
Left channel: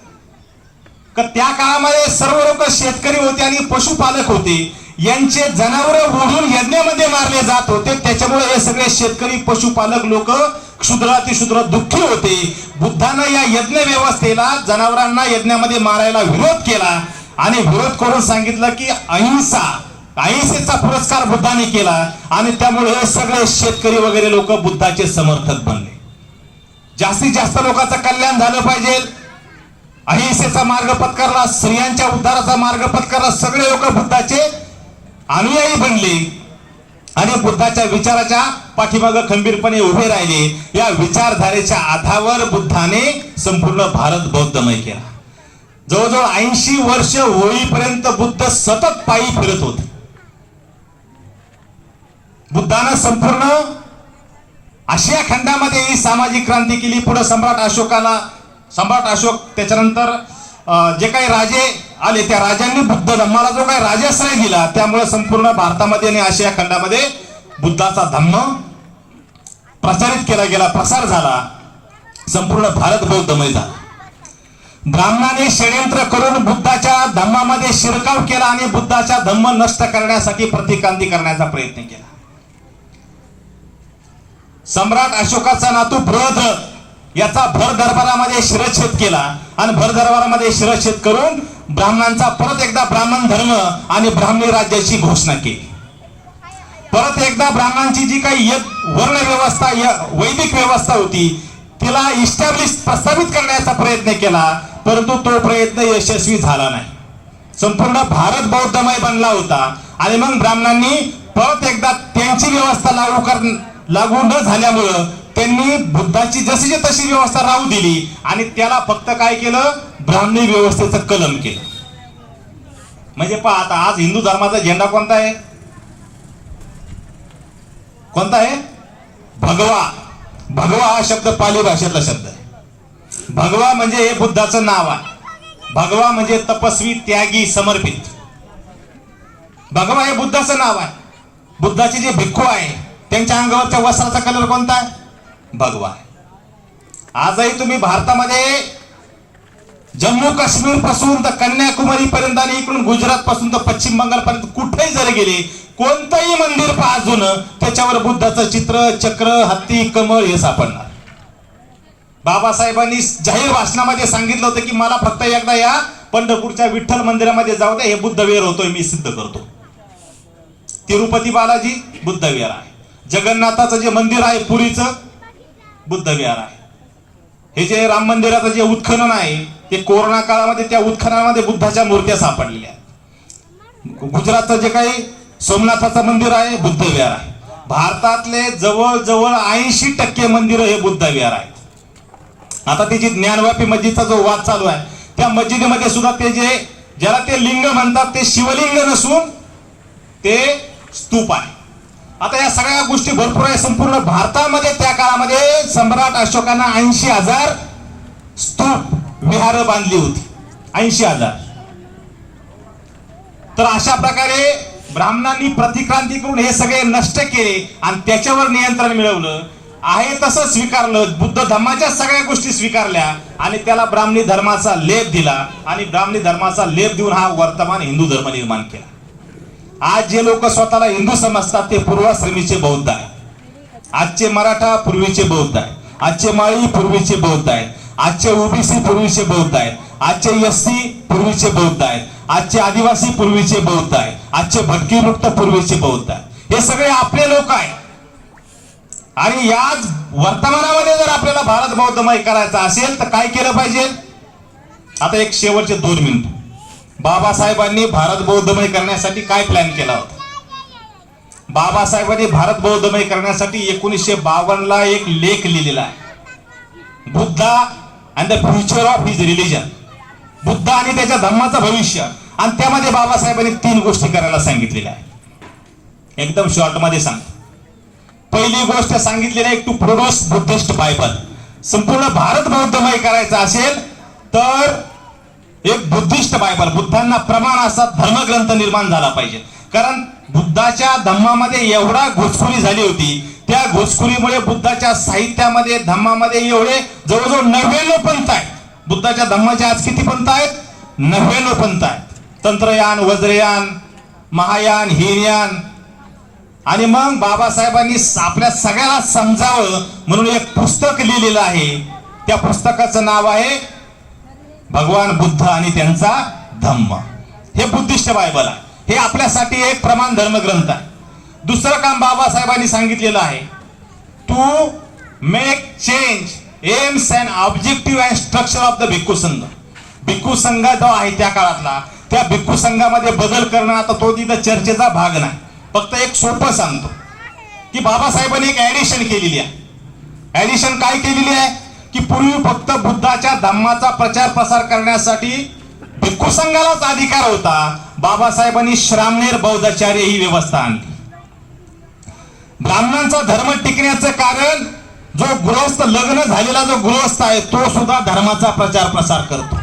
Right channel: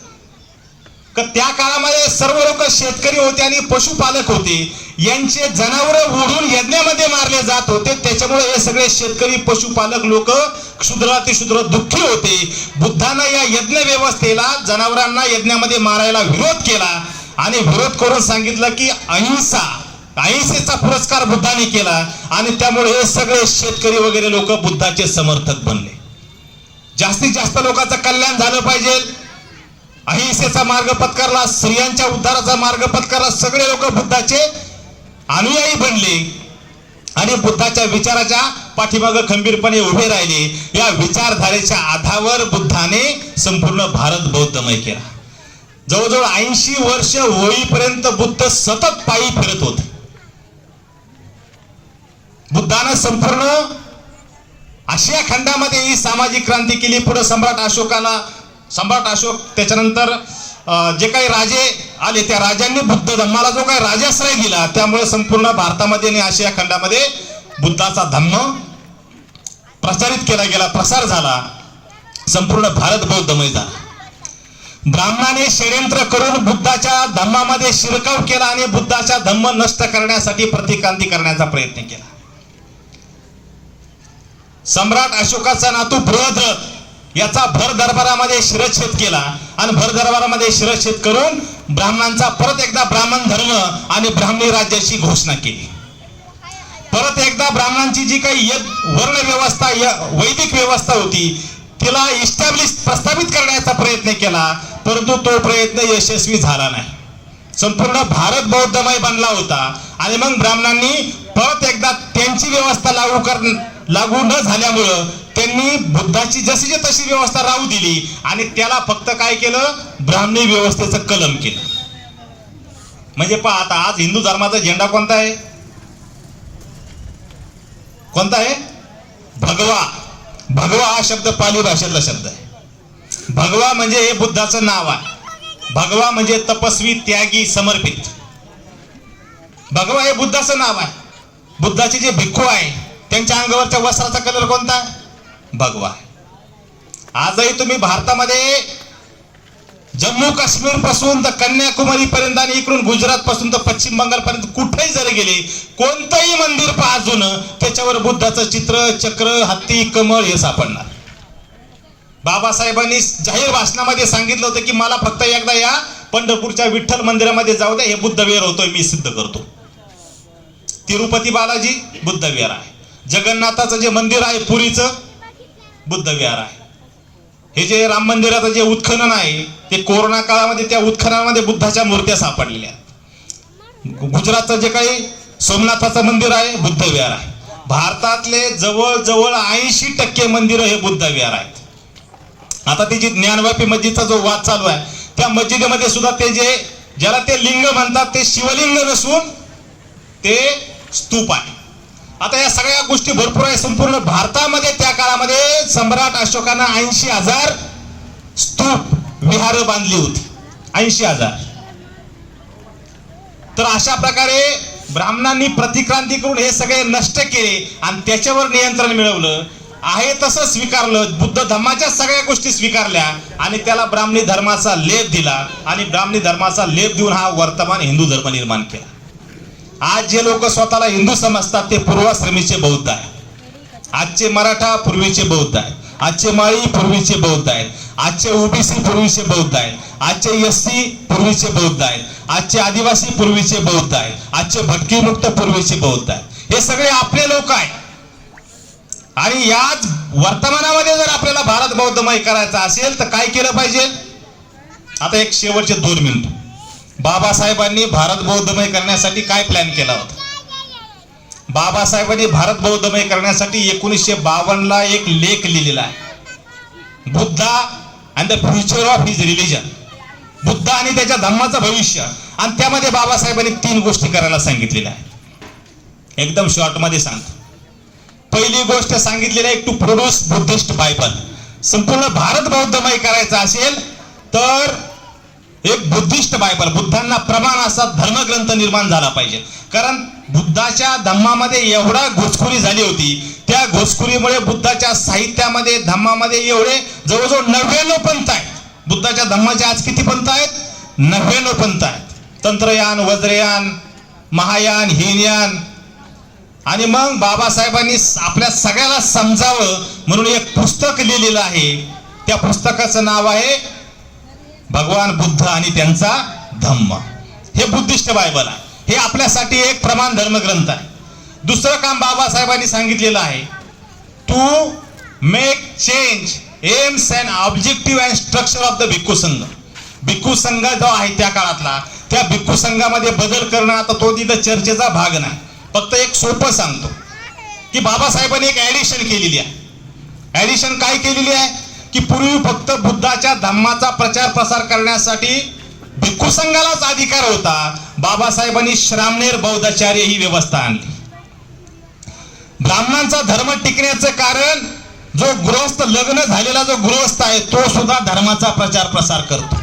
का त्या काळामध्ये सर्व लोक शेतकरी होते आणि पशुपालक होते. यांचे जनावरं ओढून यज्ञामध्ये मारले जात होते. त्याच्यामुळे हे सगळे शेतकरी पशुपालक लोक क्षुद्रातिशूद्र दुःखी होते. बुद्धानं या यज्ञ व्यवस्थेला जनावरांना यज्ञामध्ये मारायला विरोध केला आणि विरोध करून सांगितलं की अहिंसेचा पुरस्कार बुद्धाने केला. आणि त्यामुळे हे सगळे शेतकरी वगैरे लोक बुद्धाचे समर्थक बनले. जास्तीत जास्त लोकांचं कल्याण झालं पाहिजे, अहिंसेचा मार्ग पत्करला, स्त्रियांच्या उद्धाराचा मार्ग पत्करला, सगळे लोक बुद्धाचे अनुयायी बनले आणि बुद्धाच्या विचाराच्या पाठीमागे खंबीरपणे उभे राहिले. या विचारधारेच्या आधारावर बुद्धाने संपूर्ण भारत बौद्धमय केला. जवळजवळ 80 वर्ष होईपर्यंत बुद्ध सतत पायी फिरत होते. बुद्धानं संपूर्ण आशिया खंडामध्ये ही सामाजिक क्रांती केली. पुढे सम्राट अशोक त्याच्यानंतर जे काही राजे आले त्या राजांनी बुद्ध धम्माला जो काही राजाश्रय दिला, त्यामुळे संपूर्ण भारतामध्ये आणि आशिया खंडामध्ये बुद्धाचा धम्म प्रचारित केला गेला, प्रसार झाला. संपूर्ण भारत बौद्धमय झाला. ब्राह्मणाने षड्यंत्र करून बुद्धाच्या धम्मामध्ये शिरकाव केला आणि बुद्धाचा धम्म नष्ट करण्यासाठी प्रतिक्रांती करण्याचा प्रयत्न केला. सम्राट अशोकाचा नातू बृहद्रथ याचा भर दरबारामध्ये शिरच्छेद केला आणि भर दरबारामध्ये शिरच्छेद करून ब्राह्मणांचा परत एकदा ब्राह्मण धर्म आणि ब्राह्मणी राज्याची घोषणा केली. परत एकदा ब्राह्मणांची जी काही वर्ण व्यवस्था वैदिक व्यवस्था होती तिला प्रस्थापित करण्याचा प्रयत्न केला, परंतु तो प्रयत्न यशस्वी झाला नाही. संपूर्ण भारत बौद्धमय बनला होता आणि मग ब्राह्मणांनी परत एकदा त्यांची व्यवस्था लागू न झाल्यामुळं त्यांनी बुद्धाची जशी तशी व्यवस्था राहू दिली आणि त्याला फक्त काय केलं, ब्राह्मणी व्यवस्थेचं कलम केलं. म्हणजे पहा आता आज हिंदू धर्माचा झेंडा कोणता आहे? कोणता आहे? भगवा. भगवा हा शब्द पाली भाषेतला शब्द आहे. भगवा म्हणजे हे बुद्धाचं नाव आहे. भगवा म्हणजे तपस्वी, त्यागी, समर्पित. भगवा हे बुद्धाचं नाव आहे. बुद्धाचे जे भिक्खू आहे त्यांच्या अंगावरच्या वस्त्राचा कलर कोणता आहे? भगवा. आजही तुम्ही भारतामध्ये जम्मू काश्मीर पासून तर कन्याकुमारी पर्यंत आणि इकडून गुजरात पासून तर पश्चिम बंगाल पर्यंत कुठेही जरी गेले, कोणतंही मंदिर पहा जुनं, त्याच्यावर बुद्धाचं चित्र, चक्र, हत्ती, कमळ हे सापडणार. बाबासाहेबांनी जाहीर भाषणामध्ये सांगितलं होतं की मला फक्त एकदा या पंढरपूरच्या विठ्ठल मंदिरामध्ये जाऊ द्या, हे बुद्ध विहार होतोय मी सिद्ध करतो. तिरुपती बालाजी बुद्ध विहार आहे, जगन्नाथाचं जे मंदिर आहे पुरीचं बुद्ध विहार आहे, हे जे राम मंदिराचं जे उत्खनन आहे ते कोरोना काळामध्ये त्या उत्खननामध्ये बुद्धाच्या मूर्त्या सापडलेल्या आहेत. गुजरातचं जे काही सोमनाथाचं मंदिर आहे बुद्ध विहार आहे. भारतातले जवळजवळ 80% मंदिरं हे बुद्ध विहार आहेत. आता त्याची ज्ञानव्यापी मस्जिदचा जो वाद चालू आहे, त्या मस्जिदीमध्ये सुद्धा ते जे ज्याला ते लिंग म्हणतात ते शिवलिंग नसून ते स्तूप आहे. आता या सगळ्या गोष्टी भरपूर आहे. संपूर्ण भारतामध्ये त्या काळामध्ये सम्राट अशोकानं 80,000 स्तूप विहार बांधली होती. 80,000. तर अशा प्रकारे ब्राह्मणांनी प्रतिक्रांती करून हे सगळे नष्ट केले आणि त्याच्यावर नियंत्रण मिळवलं. आहे तसं स्वीकारलं, बुद्ध धर्माच्या सगळ्या गोष्टी स्वीकारल्या आणि त्याला ब्राह्मणी धर्माचा लेप दिला आणि ब्राह्मणी धर्माचा लेप देऊन हा वर्तमान हिंदू धर्म निर्माण केला. आज जे लोक स्वतःला हिंदू समजतात ते पूर्वाश्रमीचे बौद्ध आहे. आजचे मराठा पूर्वीचे बौद्ध आहे, आजचे माळी पूर्वीचे बौद्ध आहेत, आजचे ओबीसी पूर्वीचे बौद्ध आहेत, आजचे एससी पूर्वीचे बौद्ध आहेत, आजचे आदिवासी पूर्वीचे बौद्ध आहेत, आजचे भटकीमुक्त पूर्वीचे बौद्ध आहेत. हे सगळे आपले लोक आहेत. आणि याच वर्तमानामध्ये जर आपल्याला भारत बौद्धमय करायचा असेल तर काय केलं पाहिजे? आता एक शेवटचे 2 मिनिट. बाबासाहेबांनी भारत बौद्धमय करण्यासाठी काय प्लॅन केला होता? बाबासाहेबांनी भारत बौद्धमय करण्यासाठी 1952 ला एक लेख लिहिलेला आहे, Buddha and the future of his religion. Buddha आणि त्याच्या धर्माचं भविष्य. आणि त्यामध्ये बाबासाहेबांनी 3 गोष्टी करायला सांगितलेल्या आहे. एकदम शॉर्ट मध्ये सांगतो. पहिली गोष्ट सांगितलेली आहे टू प्रोड्यूस बुद्धिस्ट बायबल. संपूर्ण भारत बौद्धमय करायचा असेल तर एक बुद्धिस्ट बायबल, बुद्धांना प्रमाण असा धर्मग्रंथ निर्माण झाला पाहिजे. कारण बुद्धाच्या धम्मामध्ये एवढा घुसखोरी झाली होती, त्या घुसखोरीमुळे बुद्धाच्या साहित्यामध्ये धम्मामध्ये एवढे जवळजवळ 99 पंथ आहेत. बुद्धाच्या धम्माचे आज किती पंथ आहेत? 99 पंथ आहेत. तंत्रयान, वज्रयान, महायान, हीनयान. आणि मग बाबासाहेबांनी आपल्या सगळ्याला समजावं म्हणून एक पुस्तक लिहिलेलं आहे. त्या पुस्तकाचं नाव आहे भगवान बुद्ध आणि त्यांचा धम्म. हे बुद्धिस्ट बायबल आहे. हे आपल्यासाठी एक प्रमाण धर्मग्रंथ आहे. दुसरं काम बाबासाहेबांनी सांगितलेलं आहे to make change aims and objective and structure of the bhikkhu sangha. भिक्खू संघ जो आहे त्या काळातला, त्या भिक्खू संघामध्ये बदल करणं आता तो तिथं चर्चेचा भाग नाही. फक्त एक सोपं सांगतो की बाबासाहेबांनी एक ऍडिशन केलेली आहे. ऍडिशन काय केलेली आहे की पूर्वी फक्त बुद्धाच्या धम्माचा प्रचार प्रसार करण्यासाठी भिक्खू संघालाच अधिकार होता. बाबासाहेबांनी श्रामणेर बौद्धाचार्य ही व्यवस्था आणली. ब्राह्मणांचा धर्म टिकण्याचं कारण जो गृहस्थ, लग्न झालेला जो गृहस्थ आहे तो सुद्धा धर्माचा प्रचार प्रसार करतो.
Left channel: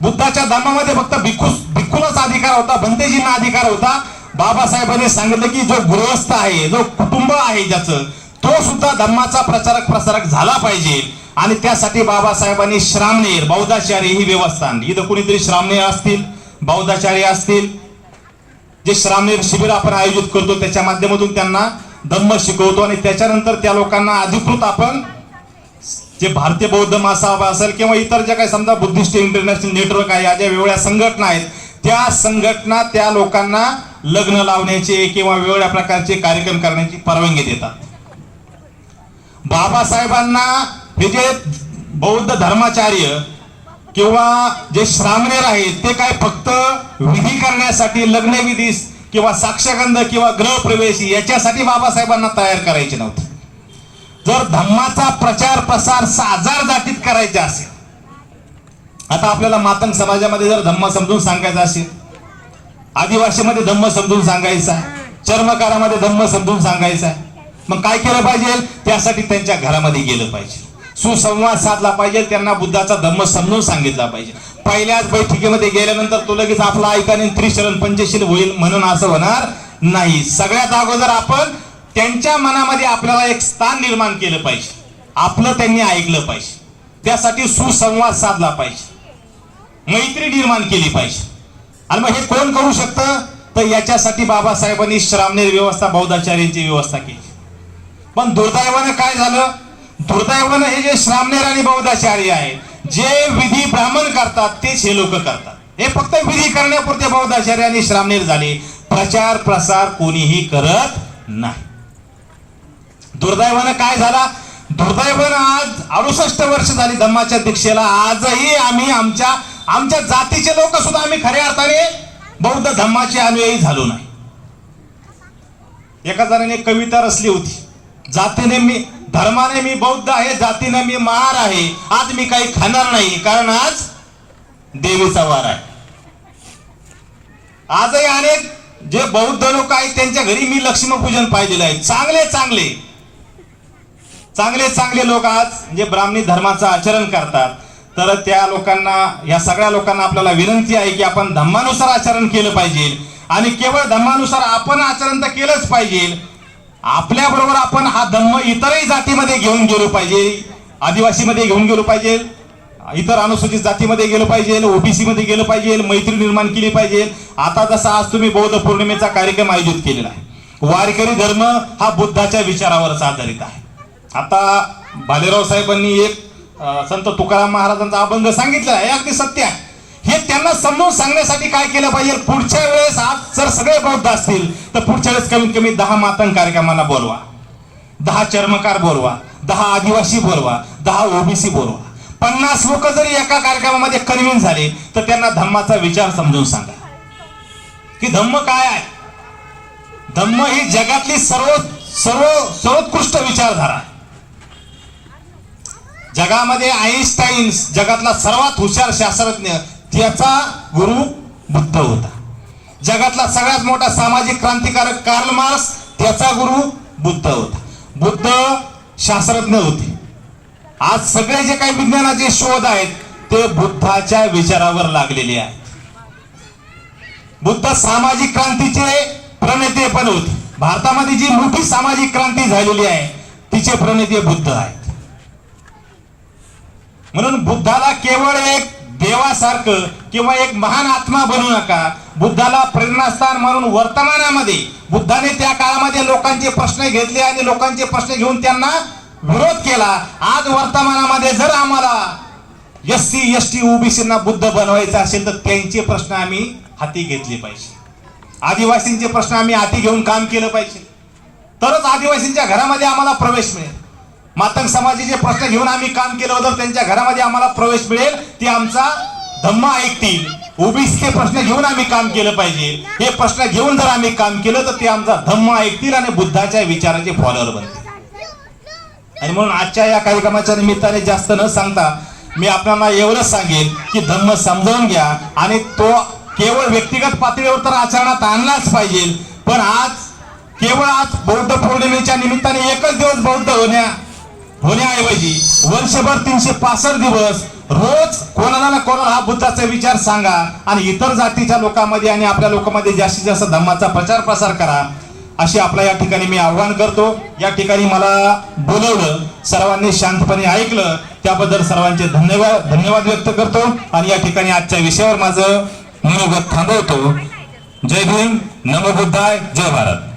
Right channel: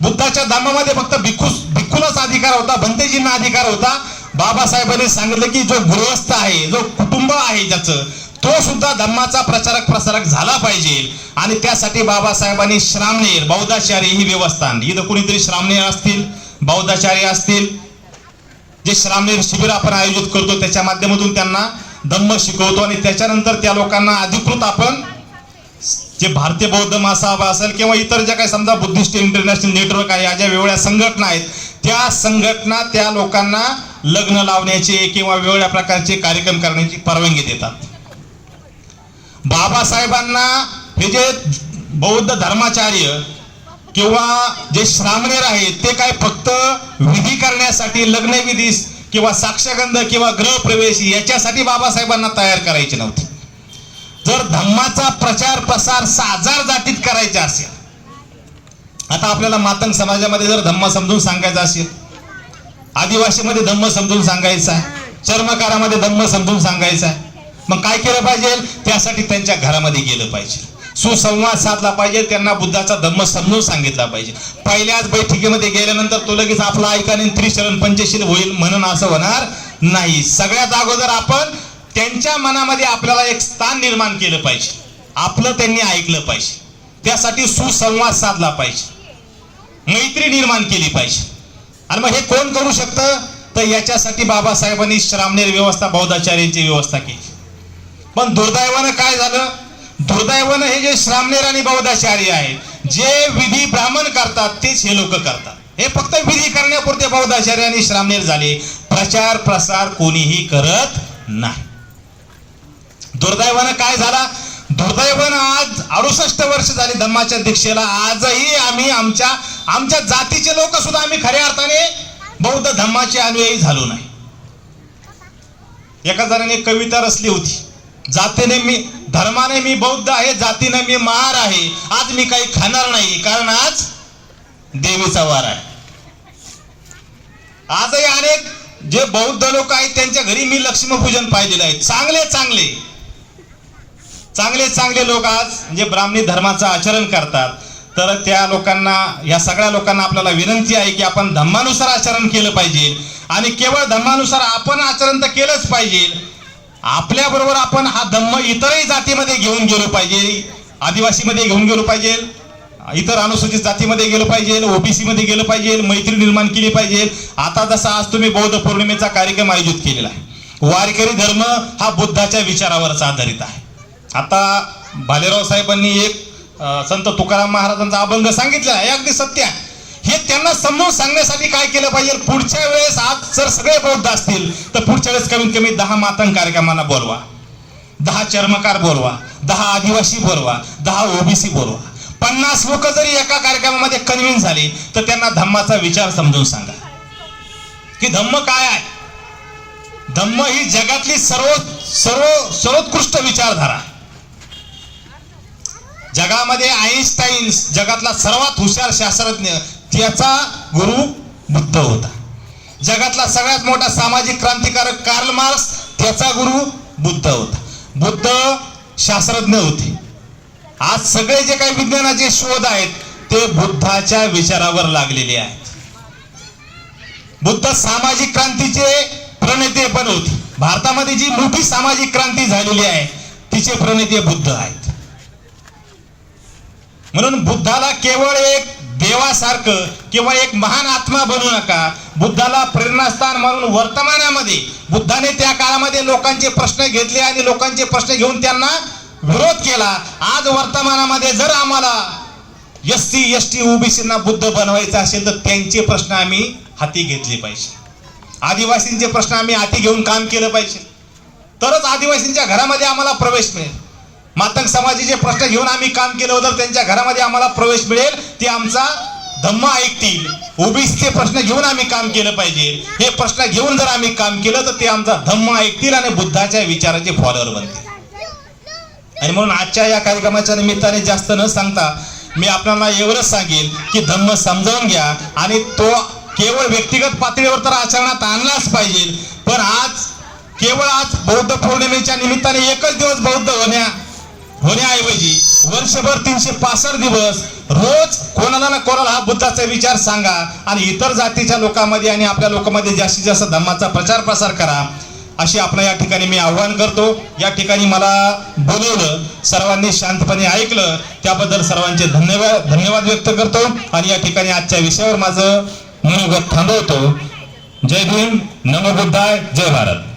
बुद्धाच्या धर्मामध्ये फक्त भिक्खूलाच अधिकार होता, भंतेजींना अधिकार होता. बाबासाहेबांनी सांगितलं की जो गृहस्थ आहे, जो कुटुंब आहे ज्याचं, तो सुद्धा धर्माचा प्रचारक प्रसारक झाला पाहिजे. आणि त्यासाठी बाबासाहेबांनी श्रामणेर बौद्धाचार्य ही व्यवस्था आणली. इथं कुणीतरी श्रामणेर असतील, बौद्धाचार्य असतील, जे श्रामणेर शिबिर आपण आयोजित करतो त्याच्या माध्यमातून त्यांना धम्म शिकवतो आणि त्याच्यानंतर त्या लोकांना अधिकृत आपण जे भारतीय बौद्ध महासभा असेल किंवा इतर ज्या काही समजा बुद्धिस्ट इंटरनॅशनल नेटवर्क आहे, या ज्या वेगवेगळ्या संघटना आहेत, त्या संघटना त्या लोकांना लग्न लावण्याचे किंवा वेगवेगळ्या प्रकारचे कार्यक्रम करण्याची परवानगी देतात. बाबासाहेबांना हे जे बौद्ध धर्माचार्य किंवा जे श्रामणेर आहेत ते काय फक्त विधी करण्यासाठी, लग्नविधी किंवा साक्षगंध किंवा गृहप्रवेश याच्यासाठी बाबासाहेबांना तयार करायचे नव्हते. जर धम्माचा प्रचार प्रसार 6,000 जातीत करायचा असेल, आता आपल्याला मातंग समाजामध्ये जर धम्म समजून सांगायचा असेल, आदिवासीमध्ये धम्म समजून सांगायचा आहे, चर्मकारामध्ये धम्म समजून सांगायचा आहे, मग काय केलं पाहिजे? त्यासाठी त्यांच्या घरामध्ये गेलं पाहिजे, सुसंवाद साधला पाहिजे, त्यांना बुद्धाचा धम्म समजून सांगितला पाहिजे. पहिल्याच बैठकीमध्ये गेल्यानंतर तो लगेच आपला ऐकाने त्रिशरण पंचशील होईल म्हणून असं होणार नाही. सगळ्यात अगोदर आपण त्यांच्या मनामध्ये आपल्याला एक स्थान निर्माण केलं पाहिजे. आपलं त्यांनी ऐकलं पाहिजे. त्यासाठी सुसंवाद साधला पाहिजे, मैत्री निर्माण केली पाहिजे. आणि मग हे कोण करू शकतं? तर याच्यासाठी बाबासाहेबांनी श्रामणेर व्यवस्था, बौद्धाचार्यांची व्यवस्था केली. पण दुर्दैवानं काय झालं? दुर्दैवानं हे जे श्रामणेर आणि बौद्धाचार्य आहे, जे विधी ब्राह्मण करतात तेच हे लोक करतात. हे फक्त विधी करण्यापुरते बौद्धाचार्य आणि श्रामणेर झाले, प्रचार प्रसार कोणीही करत नाही. दुर्दैवानं काय झाला? दुर्दैवानं आज 68 वर्ष झाली धम्माच्या दीक्षेला, आजही आम्ही आमच्या जातीचे लोक सुद्धा आम्ही खऱ्या अर्थाने बौद्ध धम्माचे अनुयायी झालो नाही. एका जणाने कविता रचली होती, जातीने मी, धर्माने मी बौद्ध आहे, जातीने मी महार आहे, आज मी काही खाणार नाही कारण आज देवीचा वार आहे. आजही अनेक जे बौद्ध लोक आहेत त्यांच्या घरी मी लक्ष्मीपूजन पाहिलेलं आहे. चांगले चांगले चांगले चांगले लोक आज जे ब्राह्मणी धर्माचं आचरण करतात. तर त्या लोकांना, या सगळ्या लोकांना आपल्याला विनंती आहे की आपण धम्मानुसार आचरण केलं पाहिजे. आणि केवळ धम्मानुसार आपण आचरण तर केलंच पाहिजे, आपल्या बरोबर आपण हा धम्म इतरही जातीमध्ये घेऊन गेलो पाहिजे. आदिवासीमध्ये घेऊन गेलो पाहिजे, इतर अनुसूचित जातीमध्ये गेलं पाहिजे, ओबीसी मध्ये गेलं पाहिजे, मैत्री निर्माण केली पाहिजे. आता जसा आज तुम्ही बौद्ध पौर्णिमेचा कार्यक्रम आयोजित केलेला आहे, वारकरी धर्म हा बुद्धाच्या विचारावरच आधारित आहे. आता भालेराव साहेबांनी एक संत तुकाराम महाराजांचा अभंग सांगितला, हे अगदी सत्य आहे. हे त्यांना समजून सांगण्यासाठी काय केलं पाहिजे? पुढच्या वेळेस आज जर सगळे बौद्ध असतील तर पुढच्या वेळेस कमीत कमी 10 मातंग कार्यक्रमांना बोलवा, 10 चर्मकार बोलवा, 10 आदिवासी बोलवा, 10 ओबीसी बोलवा. 50 लोक जरी एका कार्यक्रमामध्ये कन्व्हिन्स झाले तर त्यांना धम्माचा विचार समजून सांगा की धम्म काय आहे. धम्म ही जगातली सर्वोत्कृष्ट विचारधारा आहे. जगामध्ये आईन्स्टाईन जगातला सर्वात हुशार शास्त्रज्ञ, त्याचा गुरु बुद्ध होता. जगातला सगळ्यात मोठा सामाजिक क्रांतिकारक कार्ल मार्क्स, त्याचा गुरु बुद्ध होता. बुद्ध शास्त्रज्ञ होते. आज सगळे जे काही विज्ञानाचे शोध आहेत ते बुद्धाच्या विचारावर लागलेले आहेत. बुद्ध सामाजिक क्रांतीचे प्रणेते पण होते. भारतामध्ये जी मोठी सामाजिक क्रांती झालेली आहे तिचे प्रणेते बुद्ध आहेत. म्हणून बुद्धाला केवळ एक देवासारखं किंवा एक महान आत्मा बनवू नका. बुद्धाला प्रेरणास्थान म्हणून वर्तमानामध्ये बुद्धाने त्या काळामध्ये लोकांचे प्रश्न घेतले आणि लोकांचे प्रश्न घेऊन त्यांना विरोध केला. आज वर्तमानामध्ये जर आम्हाला एससी एसटी ओबीसींना बुद्ध बनवायचं असेल तर त्यांचे प्रश्न आम्ही हाती घेतले पाहिजे. आदिवासींचे प्रश्न आम्ही हाती घेऊन काम केलं पाहिजे, तरच आदिवासींच्या घरामध्ये आम्हाला प्रवेश मिळेल. मातंग समाजाचे प्रश्न घेऊन आम्ही काम केलं तर त्यांच्या घरामध्ये आम्हाला प्रवेश मिळेल, ते आमचा धम्म ऐकतील. ओबीसीचे प्रश्न घेऊन आम्ही काम केलं पाहिजे. हे प्रश्न घेऊन जर आम्ही काम केलं तर ते आमचा धम्म ऐकतील आणि बुद्धाच्या विचाराचे फॉलोअर बनतील. आणि म्हणून आजच्या या कार्यक्रमाच्या निमित्ताने जास्त न सांगता मी आपल्याला एवढंच सांगेन की धम्म समजावून घ्या आणि तो केवळ व्यक्तिगत पातळीवर तर आचरणात आणलाच पाहिजे. पण केवळ आज बौद्ध पौर्णिमेच्या निमित्ताने एकच दिवस बौद्ध होण्याऐवजी वर्षभर 365 दिवस रोज कोणाला ना कोणाला हा बुद्धाचा विचार सांगा आणि इतर जातीच्या लोकांमध्ये आणि आपल्या लोकांमध्ये जास्तीत जास्त धम्माचा प्रचार प्रसार करा, अशी आपल्या या ठिकाणी मी आव्हान करतो. या ठिकाणी मला बोलवलं, सर्वांनी शांतपणे ऐकलं, त्याबद्दल सर्वांचे धन्यवाद व्यक्त करतो आणि या ठिकाणी आजच्या विषयावर माझं मनोगत थांबवतो. जय भीम, नमो बुद्धाय, जय भारत.